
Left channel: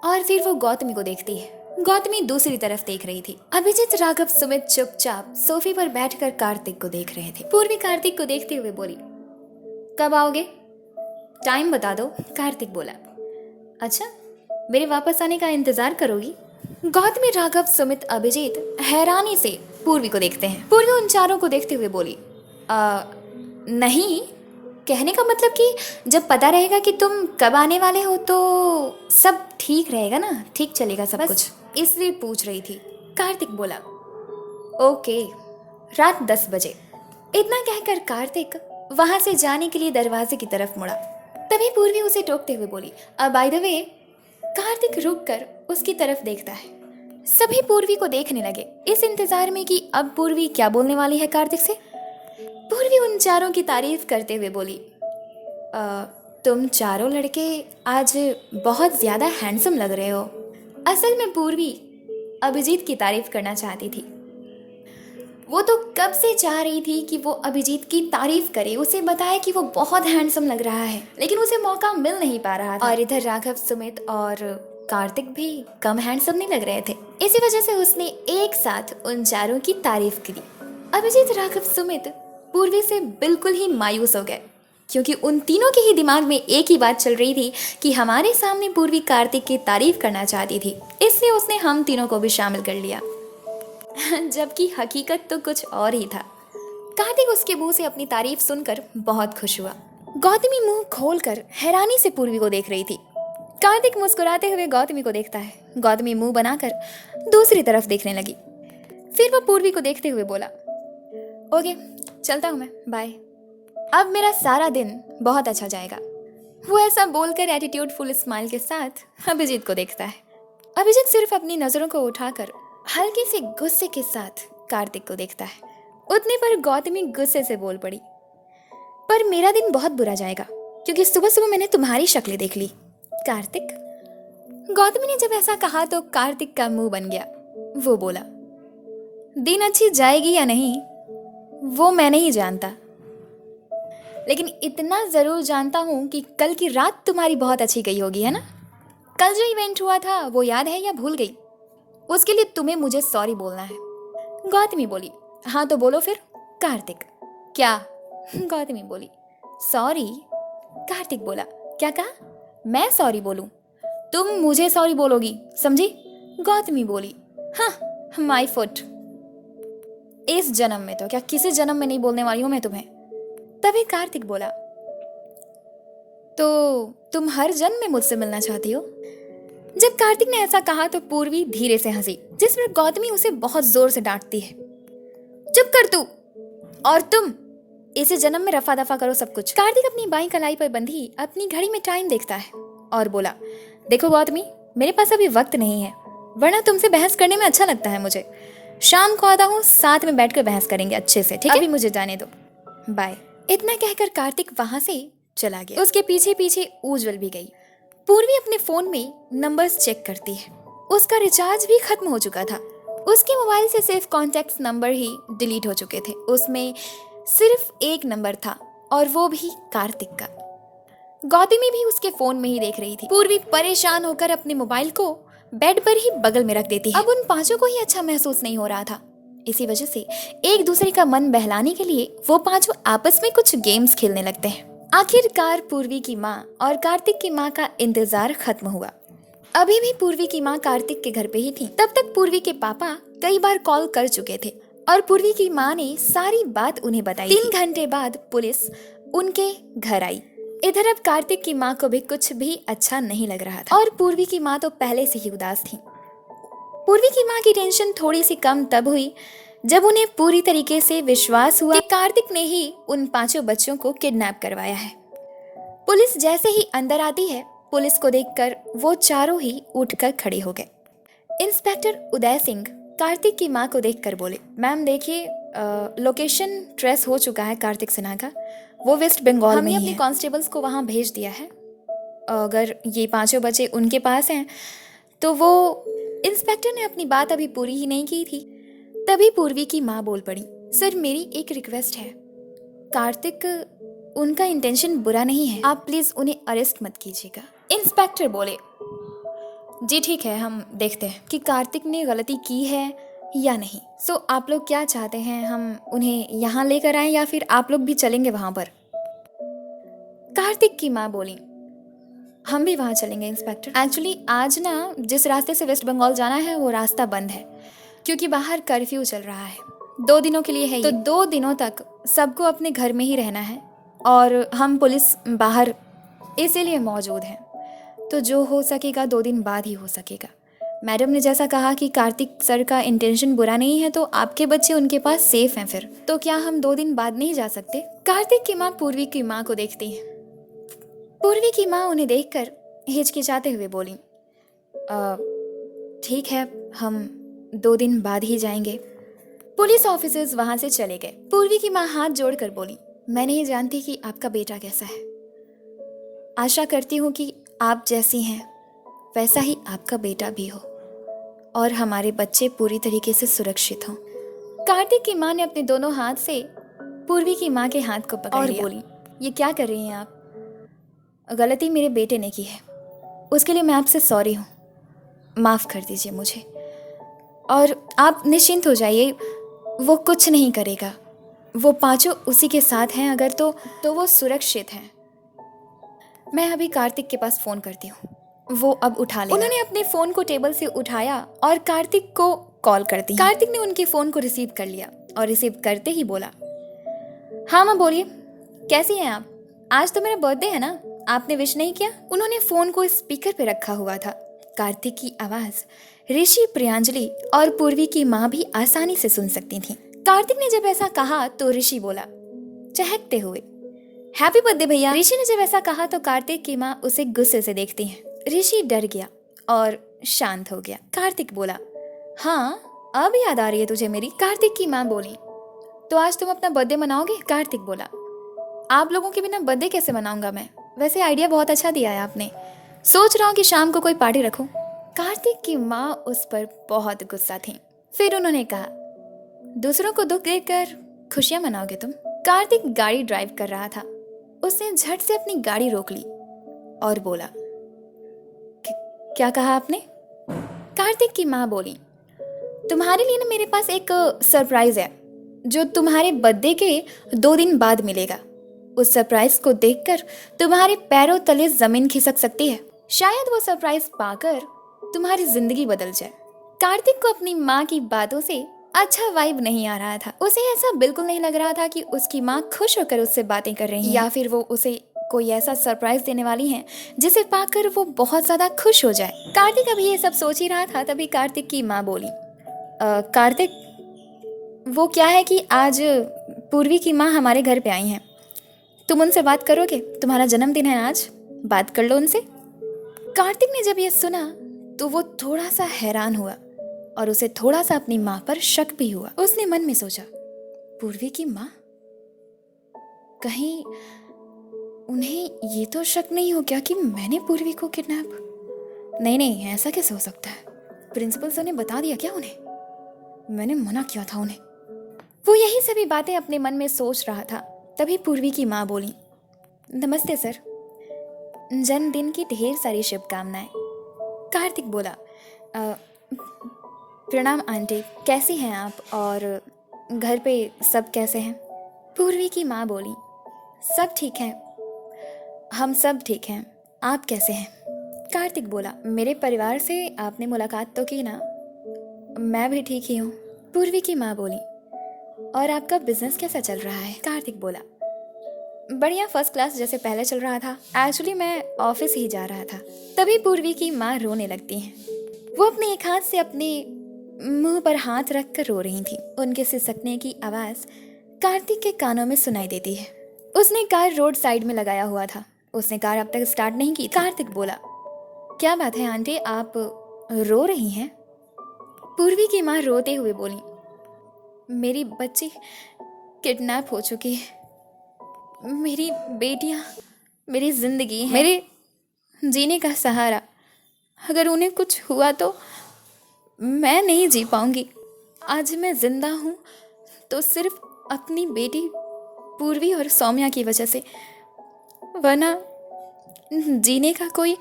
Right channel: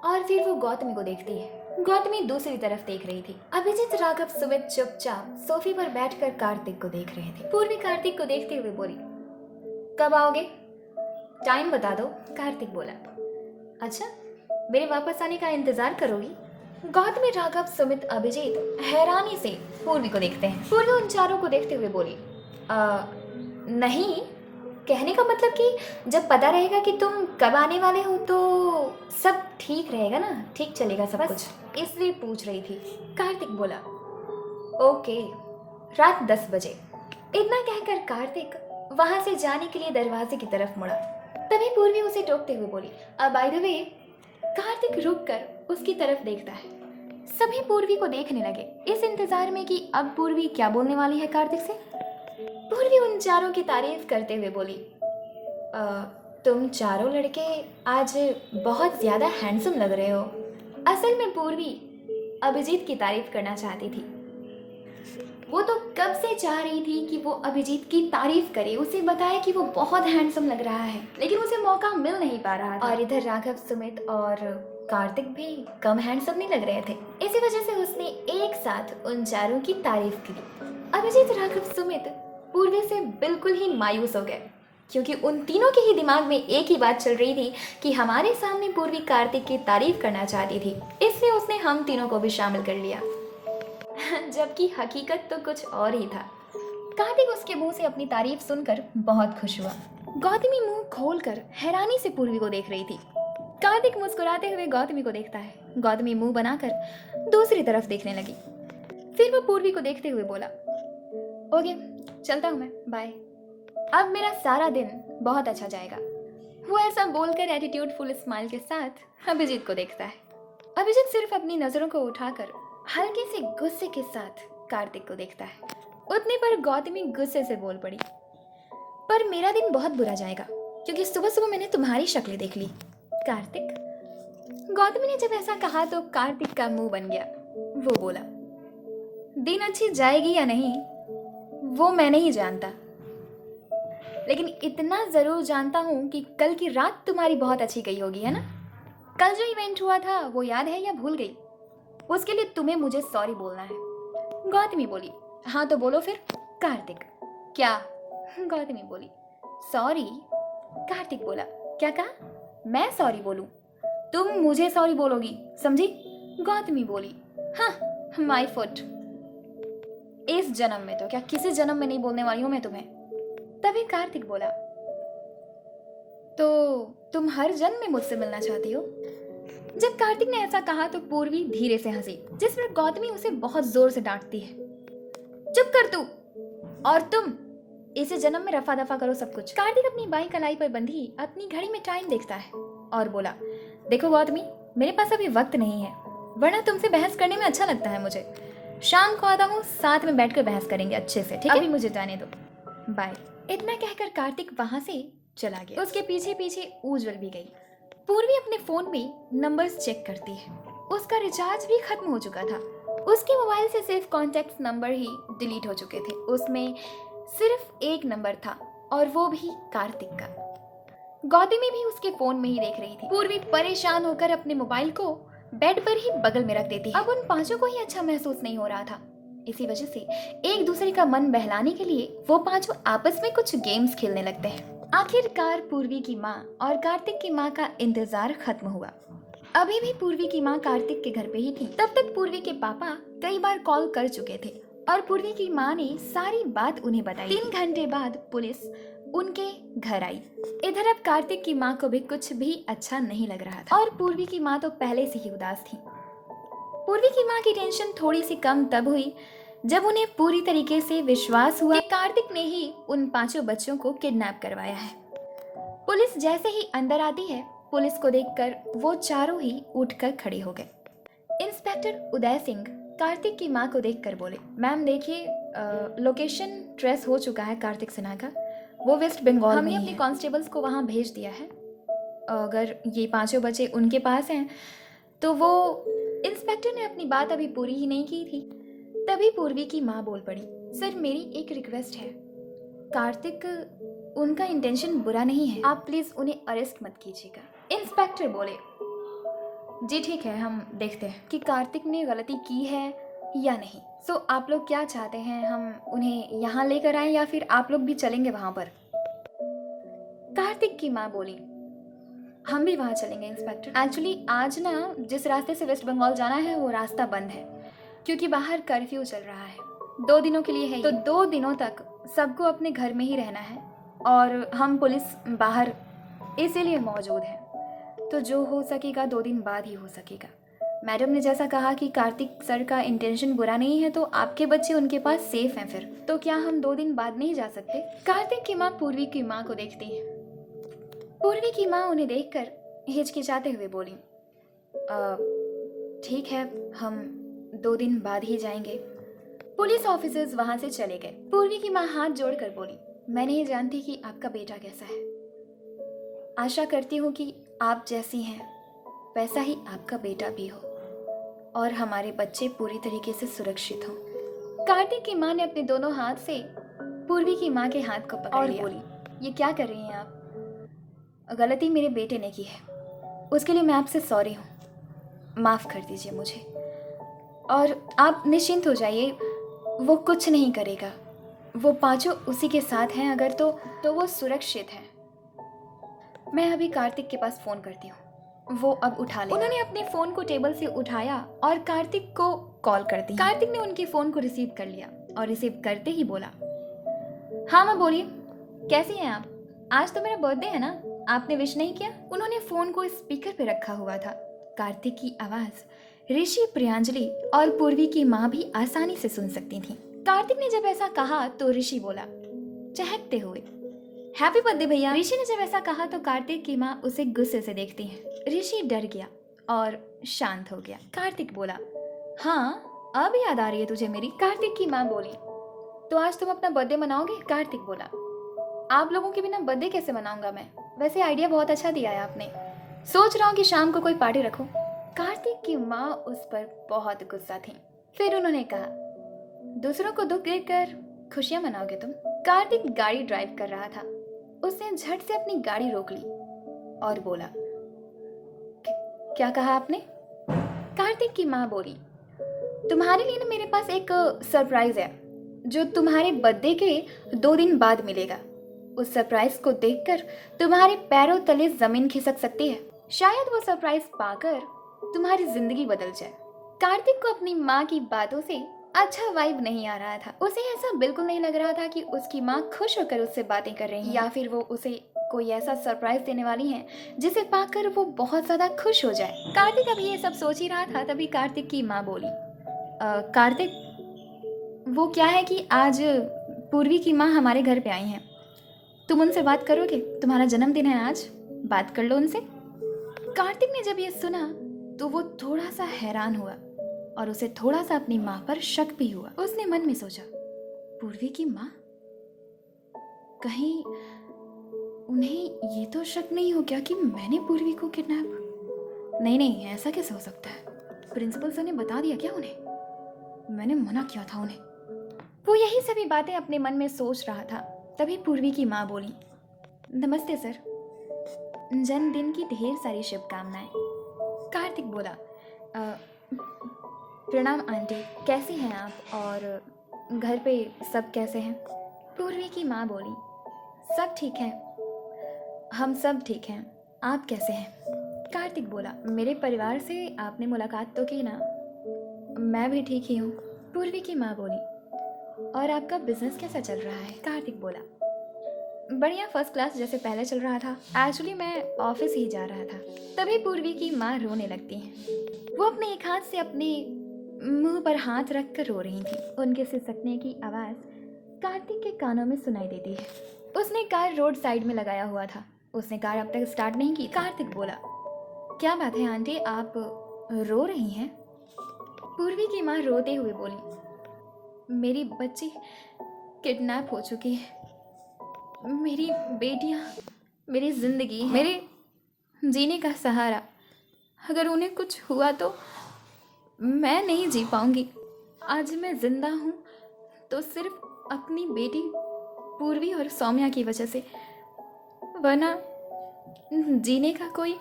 और फिर वो गौतमी को देखती है। गौतमी दूसरी तरफ देख रही थी। अभिजीत, राघव, सुमित चुपचाप सोफे पर बैठकर कार्तिक को देख रहे थे। पूर्वी कार्तिक को देखते हुए बोली, कब आओगे? टाइम बता दो। कार्तिक बोला, अच्छा मेरे वापस आने का इंतजार करोगी? गौतमी, राघव, सुमित, अभिजीत हैरानी से पूर्वी को देखते हैं। पूर्वी उन चारों को देखते हुए बोली, नहीं, कहने का मतलब कि जब पता रहेगा कि तुम कब आने वाले हो तो सब ठीक रहेगा ना, ठीक चलेगा सब कुछ, इसलिए पूछ रही थी। कार्तिक बोला, ओके, रात 10 बजे। इतना कहकर कार्तिक वहां से जाने के लिए दरवाजे की तरफ मुड़ा। तभी पूर्वी उसे टोकते हुए बोली, बाय द वे। कार्तिक रुककर उसकी तरफ देखता है। सभी पूर्वी को देखने लगे, इस इंतजार में कि अब पूर्वी क्या बोलने वाली है कार्तिक से। पूर्वी उन चारों की तारीफ करते हुए बोली, तुम चारों लड़के आज बहुत ज्यादा हैंडसम लग रहे हो। असल में पूर्वी अभिजीत की तारीफ करना चाहती थी। वो तो कब से चाह रही थी कि वो अभिजीत की तारीफ करे, उसे बताए कि वो बहुत हैंडसम लग रहा है, लेकिन उसे मौका मिल नहीं पा रहा था। और इधर राघव, सुमित और कार्तिक भी कम हैंडसम नहीं लग रहे थे। इसी वजह से उसने एक साथ उन चारों की तारीफ की। अभिजीत, राघव, सुमित पूर्वी से बिल्कुल ही मायूस हो गए, क्योंकि उन तीनों के ही दिमाग में एक ही बात चल रही थी कि हमारे सामने पूर्वी कार्तिक की तारीफ करना चाहती थी, इसलिए उसने हम तीनों को भी शामिल कर लिया। जबकि हकीकत तो कुछ और ही था। कार्तिक उसके मुंह से अपनी तारीफ सुनकर बहुत खुश हुआ। गौतमी मुंह खोलकर हैरानी से पूर्वी को देख रही थी। कार्तिक मुस्कुराते हुए गौतमी को देखता है। गौतमी मुंह बनाकर दूसरी तरफ देखने लगी। फिर वो पूर्वी को देखते हुए बोला, ओके, चलता हूँ मैं, बाय। अब मेरा सारा दिन बहुत अच्छा जाएगा। वो ऐसा बोलकर एटीट्यूड फुल स्माइल के साथ अभिजीत को देखता है। अभिजीत सिर्फ अपनी नजरों को उठाकर हल्के से गुस्से के साथ कार्तिक को देखता है। उतने पर गौतमी गुस्से से बोल पड़ी, पर मेरा दिन बहुत बुरा जाएगा क्योंकि सुबह सुबह मैंने तुम्हारी शक्लें देख ली। कार्तिक। गौतमी ने जब ऐसा कहा तो कार्तिक का मुंह बन गया। वो बोला, दिन अच्छी जाएगी या नहीं वो मैं नहीं जानता, लेकिन इतना जरूर जानता हूं कि कल की रात तुम्हारी बहुत अच्छी गई होगी, है ना? कल जो इवेंट हुआ था वो याद है या भूल गई? उसके लिए तुम्हें मुझे सॉरी बोलना है। गौतमी बोली, हाँ तो बोलो फिर। कार्तिक, क्या? गौतमी बोली, सॉरी। कार्तिक बोला, क्या कहा? मैं सॉरी बोलूं? तुम मुझे सॉरी बोलोगी, समझी? गौतमी बोली, हाँ, माई फुट। इस जन्म में तो क्या किसी जन्म में नहीं बोलने वाली हूं मैं तुम्हें। तभी कार्तिक बोला, तो तुम हर जन्म में मुझसे मिलना चाहती हो? जब कार्तिक ने ऐसा कहा तो पूर्वी धीरे से हंसी, जिस पर गौतमी उसे बहुत जोर से डांटती है, चुप कर तू, और तुम इसे जन्म में रफा दफा करो सब कुछ। कार्तिक अपनी बाईं कलाई पर बंधी अपनी घड़ी में टाइम देखता है और बोला, देखो गौतमी, मेरे पास अभी वक्त नहीं है, वरना तुमसे बहस करने में अच्छा लगता है मुझे, शाम को आता हूँ, साथ में बैठकर बहस करेंगे अच्छे से, ठीक है? अभी मुझे जाने दो, बाय। इतना कहकर कार्तिक वहां से चला गया। उसके पीछे पीछे उज्जवल भी गई। पूर्वी अपने फोन में नंबर्स चेक करती है। उसका रिचार्ज भी खत्म हो चुका था। उसके मोबाइल से सिर्फ कॉन्टैक्ट्स नंबर ही डिलीट हो चुके थे। उसमें सिर्फ एक नंबर था और वो भी कार्तिक का। गौतमी भी उसके फोन में ही देख रही थी। पूर्वी परेशान होकर अपने मोबाइल को बेड पर ही बगल में रख देती है। अब उन पांचों को ही अच्छा महसूस नहीं हो रहा था। इसी वजह से एक दूसरे का मन बहलाने के लिए वो पांचों आपस में कुछ गेम्स खेलने लगते हैं। आखिरकार पूर्वी की माँ और कार्तिक की माँ का इंतजार खत्म हुआ। अभी भी पूर्वी की माँ कार्तिक के घर पे ही थी। तब तक पूर्वी के पापा कई बार कॉल कर चुके थे और पूर्वी की माँ ने सारी बात उन्हें बताई। 3 घंटे बाद पुलिस उनके घर आई। इधर अब कार्तिक की माँ को भी कुछ भी अच्छा नहीं लग रहा था और पूर्वी की माँ तो पहले से ही उदास थी। पूर्वी की माँ की टेंशन थोड़ी सी कम तब हुई जब उन्हें पूरी तरीके से विश्वास हुआ कि कार्तिक ने ही उन पांचों बच्चों को किडनैप करवाया है। पुलिस जैसे ही अंदर आती है, पुलिस को देखकर वो चारों ही उठकर खड़े हो गए। इंस्पेक्टर उदय सिंह कार्तिक की माँ को देखकर बोले, मैम देखिए, लोकेशन ट्रेस हो चुका है कार्तिक सिन्हा का। वो वेस्ट बंगाल में ही है। हमने अपने कांस्टेबल्स को वहाँ भेज दिया है। अगर ये पांचों बच्चे उनके पास हैं तो वो। इंस्पेक्टर ने अपनी बात अभी पूरी ही नहीं की थी, तभी पूर्वी की माँ बोल पड़ी, सर मेरी एक रिक्वेस्ट है, कार्तिक उनका इंटेंशन बुरा नहीं है, आप प्लीज उन्हें अरेस्ट मत कीजिएगा। इंस्पेक्टर बोले, जी ठीक है, हम देखते हैं कि कार्तिक ने गलती की है या नहीं। सो आप लोग क्या चाहते हैं, हम उन्हें यहाँ लेकर आएं या फिर आप लोग भी चलेंगे वहां पर? कार्तिक की माँ बोली, हम भी वहाँ चलेंगे इंस्पेक्टर। एक्चुअली आज ना जिस रास्ते से वेस्ट बंगाल जाना है वो रास्ता बंद है क्योंकि बाहर कर्फ्यू चल रहा है। 2 दिनों के लिए है तो 2 दिनों तक सबको अपने घर में ही रहना है और हम पुलिस बाहर इसीलिए मौजूद हैं। तो जो हो सकेगा 2 दिन बाद ही हो सकेगा। मैडम ने जैसा कहा कि कार्तिक सर का इंटेंशन बुरा नहीं है तो आपके बच्चे उनके पास सेफ हैं, फिर तो क्या हम 2 दिन बाद नहीं जा सकते? कार्तिक की माँ पूर्वी की माँ को देखती है। पूर्वी की माँ उन्हें देखकर हिचकिचाते हुए बोली, ठीक है, हम 2 दिन बाद ही जाएंगे। पुलिस ऑफिसर्स वहां से चले गए। पूर्वी की माँ हाथ जोड़कर बोली, मैं नहीं जानती कि आपका बेटा कैसा है। आशा करती हूँ कि आप जैसी हैं वैसा ही आपका बेटा भी हो और हमारे बच्चे पूरी तरीके से सुरक्षित हों। कार्तिक की माँ ने अपने दोनों हाथ से पूर्वी की माँ के हाथ को पकड़ लिया और बोली, ये क्या कर रही हैं आप? गलती मेरे बेटे ने की है, उसके लिए मैं आपसे सॉरी हूँ, माफ़ कर दीजिए मुझे और आप निश्चिंत हो जाइए, वो कुछ नहीं करेगा। वो पांचों उसी के साथ हैं अगर तो वो सुरक्षित हैं। मैं अभी कार्तिक के पास फ़ोन करती हूँ, वो अब उठा ले। उन्होंने अपने फ़ोन को टेबल से उठाया और कार्तिक को कॉल कर दी। कार्तिक ने उनके फ़ोन को रिसीव कर लिया और रिसीव करते ही बोला, हाँ माँ बोलिए, कैसी हैं आप? आज तो मेरा बर्थडे है ना, आपने विश नहीं किया? उन्होंने फोन को स्पीकर पे रखा हुआ था। कार्तिक की आवाज ऋषि, प्रियांजलि और पूर्वी की माँ भी आसानी से सुन सकती थी। कार्तिक ने जब ऐसा कहा तो ऋषि बोला चहकते हुए, हैप्पी बर्थडे भैया। ऋषि ने जब ऐसा कहा तो कार्तिक की माँ उसे गुस्से से देखती है। ऋषि डर गया और शांत हो गया। कार्तिक बोला, हाँ अब याद आ रही है तुझे मेरी? कार्तिक की माँ बोली, तो आज तुम अपना बर्थडे मनाओगे? कार्तिक बोला, आप लोगों के बिना बर्थडे कैसे मनाऊंगा मैं? वैसे आइडिया बहुत अच्छा दिया है आपने, सोच रहा हूँ कि शाम को कोई पार्टी रखूं। कार्तिक की माँ उस पर बहुत गुस्सा थी। फिर उन्होंने कहा, दूसरों को दुख देकर खुशियां मनाओगे तुम? कार्तिक गाड़ी ड्राइव कर रहा था। उसने झट से अपनी गाड़ी रोक ली और बोला, क्या कहा आपने? कार्तिक की माँ बोली, तुम्हारे लिए ना मेरे पास एक सरप्राइज है जो तुम्हारे बर्थडे के 2 दिन बाद मिलेगा। उस सरप्राइज को देखकर तुम्हारे पैरों तले जमीन खिसक सकती है। शायद वो सरप्राइज पाकर तुम्हारी जिंदगी बदल जाए। कार्तिक को अपनी माँ की बातों से अच्छा वाइब नहीं आ रहा था। उसे ऐसा बिल्कुल नहीं लग रहा था कि उसकी माँ खुश होकर उससे बातें कर रही है या फिर वो उसे कोई ऐसा सरप्राइज देने वाली है जिसे पाकर वो बहुत ज्यादा खुश हो जाए। कार्तिक अभी ये सब सोच ही रहा था, तभी कार्तिक की माँ बोली, कार्तिक, वो क्या है कि आज पूर्वी की माँ हमारे घर पे आई हैं, तुम उनसे बात करोगे? तुम्हारा जन्मदिन है आज, बात कर लो उनसे। कार्तिक ने जब ये सुना तो वो थोड़ा सा हैरान हुआ। और उसे थोड़ा सा अपनी माँ पर शक भी हुआ। उसने मन में सोचा, पूर्वी की माँ, कहीं उन्हें ये तो शक नहीं हो गया कि मैंने पूर्वी को किडनैप? नहीं, ऐसा कैसे हो सकता है? प्रिंसिपल सर ने बता दिया क्या उन्हें? मैंने मना किया था उन्हें। वो यही सभी बातें अपने मन में सोच रहा था, तभी पूर्वी की माँ बोली, नमस्ते सर, जन्मदिन की ढेर सारी शुभकामनाएं। कार्तिक बोला, प्रणाम आंटी, कैसी हैं आप और घर पे सब कैसे हैं? पूर्वी की माँ बोली, सब ठीक है, हम सब ठीक हैं, आप कैसे हैं? कार्तिक बोला, मेरे परिवार से आपने मुलाकात तो की ना? मैं भी ठीक ही हूँ। पूर्वी की माँ बोली, और आपका बिजनेस कैसा चल रहा है? कार्तिक बोला, बढ़िया, फर्स्ट क्लास, जैसे पहले चल रहा था। एक्चुअली मैं ऑफिस ही जा रहा था। तभी पूर्वी की माँ रोने लगती हैं। वो अपने एक हाथ से अपने मुंह पर हाथ रख कर रो रही थी। उनके सिसकने की आवाज़ कार्तिक के कानों में सुनाई देती है। उसने कार रोड साइड में लगाया हुआ था। उसने कार अब तक स्टार्ट नहीं की। कार्तिक बोला, क्या बात है आंटी, आप रो रही हैं? पूर्वी की माँ रोते हुए बोली, मेरी बच्ची किडनैप हो चुकी है। मेरी बेटियाँ मेरी जिंदगी है, मेरे जीने का सहारा। अगर उन्हें कुछ हुआ तो मैं नहीं जी पाऊंगी। आज मैं जिंदा हूँ तो सिर्फ अपनी बेटी पूर्वी और सौम्या की वजह से, वरना जीने का कोई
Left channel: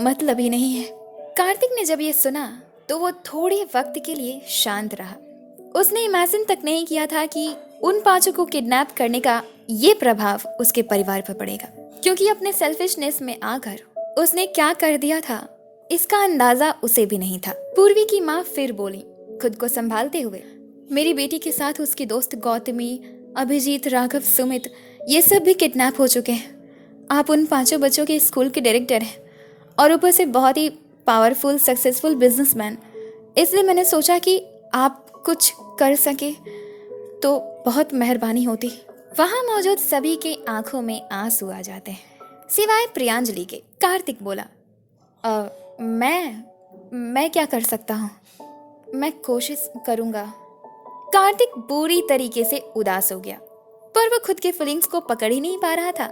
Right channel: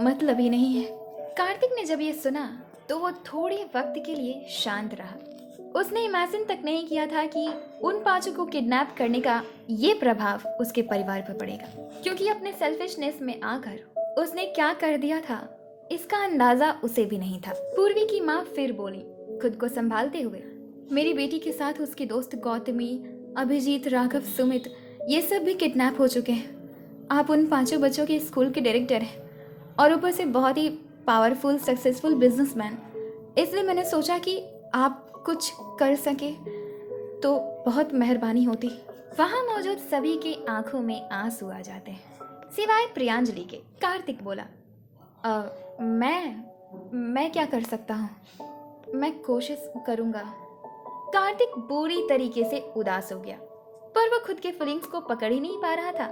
मतलब ही नहीं है। कार्तिक ने जब ये सुना तो वो थोड़े वक्त के लिए शांत रहा। उसने इमेजिन तक नहीं किया था कि उन पांचों को किडनैप करने का ये प्रभाव उसके परिवार पर पड़ेगा, क्योंकि अपने सेल्फिशनेस में आकर उसने क्या कर दिया था इसका अंदाजा उसे भी नहीं था। पूर्वी की माँ फिर बोली, खुद को संभालते हुए, मेरी बेटी के साथ उसकी दोस्त गौतमी, अभिजीत, राघव, सुमित, ये सब भी किडनैप हो चुके हैं। आप उन पांचों बच्चों के स्कूल के डायरेक्टर हैं और ऊपर से बहुत ही पावरफुल सक्सेसफुल बिजनेसमैन, इसलिए मैंने सोचा कि आप कुछ कर सके तो बहुत मेहरबानी होती। वहाँ मौजूद सभी के आंखों में आंसू आ जाते हैं, सिवाय प्रियांजलि के। कार्तिक बोला, मैं क्या कर सकता हूँ? मैं कोशिश करूँगा। कार्तिक बुरी तरीके से उदास हो गया, पर वह खुद के फीलिंग्स को पकड़ ही नहीं पा रहा था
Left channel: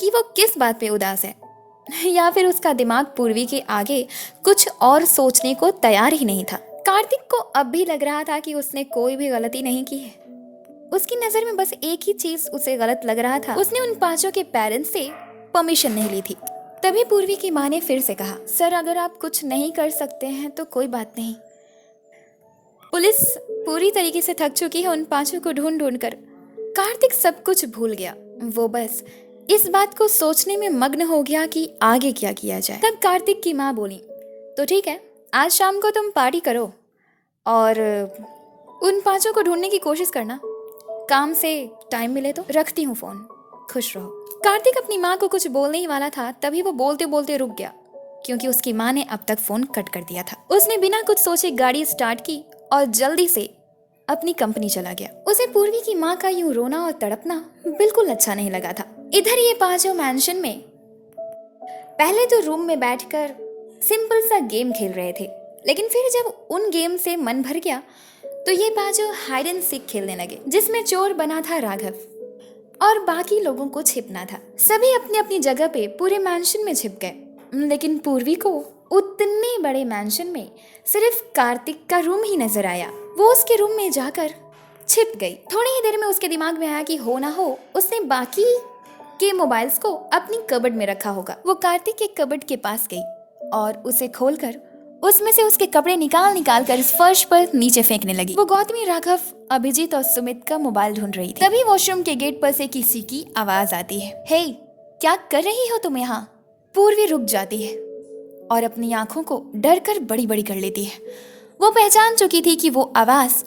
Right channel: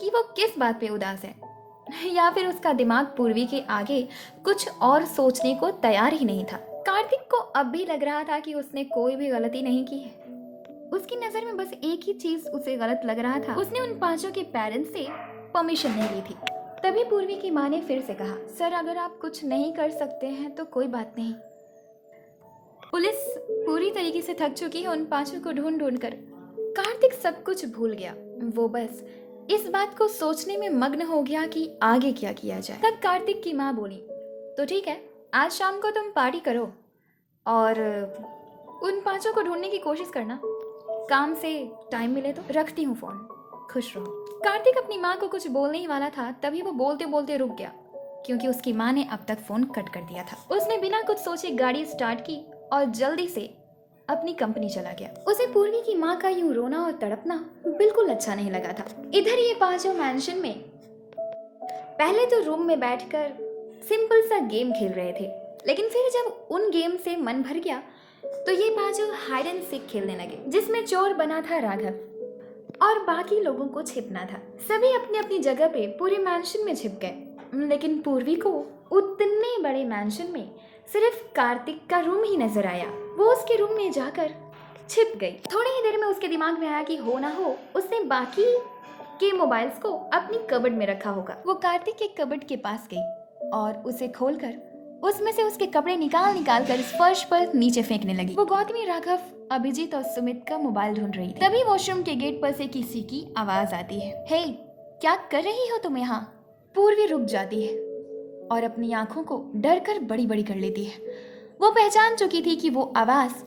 कि वो किस बात पे उदास है, या फिर उसका दिमाग पूर्वी के आगे कुछ और सोचने को तैयार ही नहीं था। कार्तिक को अब भी लग रहा था कि उसने कोई भी गलती नहीं की है। उसकी नजर में बस एक ही चीज उसे गलत लग रहा था, उसने उन पांचों के पेरेंट्स से परमिशन नहीं ली थी। तभी पूर्वी की माँ ने फिर से कहा, सर, अगर आप कुछ नहीं कर सकते हैं तो कोई बात नहीं। पुलिस पूरी तरीके से थक चुकी है उन पांचों को ढूंढ ढूंढ कर। कार्तिक सब कुछ भूल गया। वो बस इस बात को सोचने में मग्न हो गया कि आगे क्या किया जाए। तब कार्तिक की माँ बोली, तो ठीक है, आज शाम को तुम पार्टी करो और उन पांचों को ढूंढने की कोशिश करना। काम से टाइम मिले तो। रखती हूँ फोन, खुश रहो। कार्तिक अपनी माँ को कुछ बोलने ही वाला था, तभी वो बोलते बोलते रुक गया, क्योंकि उसकी माँ ने अब तक फोन कट कर दिया था। उसने बिना कुछ सोचे गाड़ी स्टार्ट की और जल्दी से अपनी कंपनी चला गया। उसे पूर्वी की माँ का यूं रोना और तड़पना बिल्कुल अच्छा नहीं लगा था। इधर ये पांचों मैंशन में पहले तो रूम में बैठकर सिंपल सा गेम खेल रहे थे, लेकिन फिर जब उन गेम से मन भर गया तो ये पांचों हाइड एंड सीक खेलने लगे, जिसमें चोर बना था राघव और बाकी लोगों को छिपना था। सभी अपनी अपनी जगह पे पूरे मैंशन में छिप गए, लेकिन पूर्वी को उतने बड़े मैंशन में सिर्फ कार्तिक का रूम ही नजर आया। वो उसके रूम में जाकर छिप गई। थोड़ी ही देर में उसके दिमाग में आया कि हो ना हो उसने बाकी के मोबाइल्स को अपनी कबर्ड में रखा होगा। वो कार्तिक के कबर्ड के पास गई और उसे खोलकर उसमें से उसके कपड़े निकाल निकाल कर फर्श पर नीचे फेंकने लगी। वो गौतमी, राघव, अभिजीत और सुमित का मोबाइल ढूंढ रही थी। तभी वॉशरूम के गेट पर से किसी की आवाज आती है, हे, क्या कर रही हो तुम यहाँ? पूर्वी रुक जाती है और अपनी आंखों को डर कर बड़ी बड़ी कर लेती है। वो पहचान चुकी थी कि वो आवाज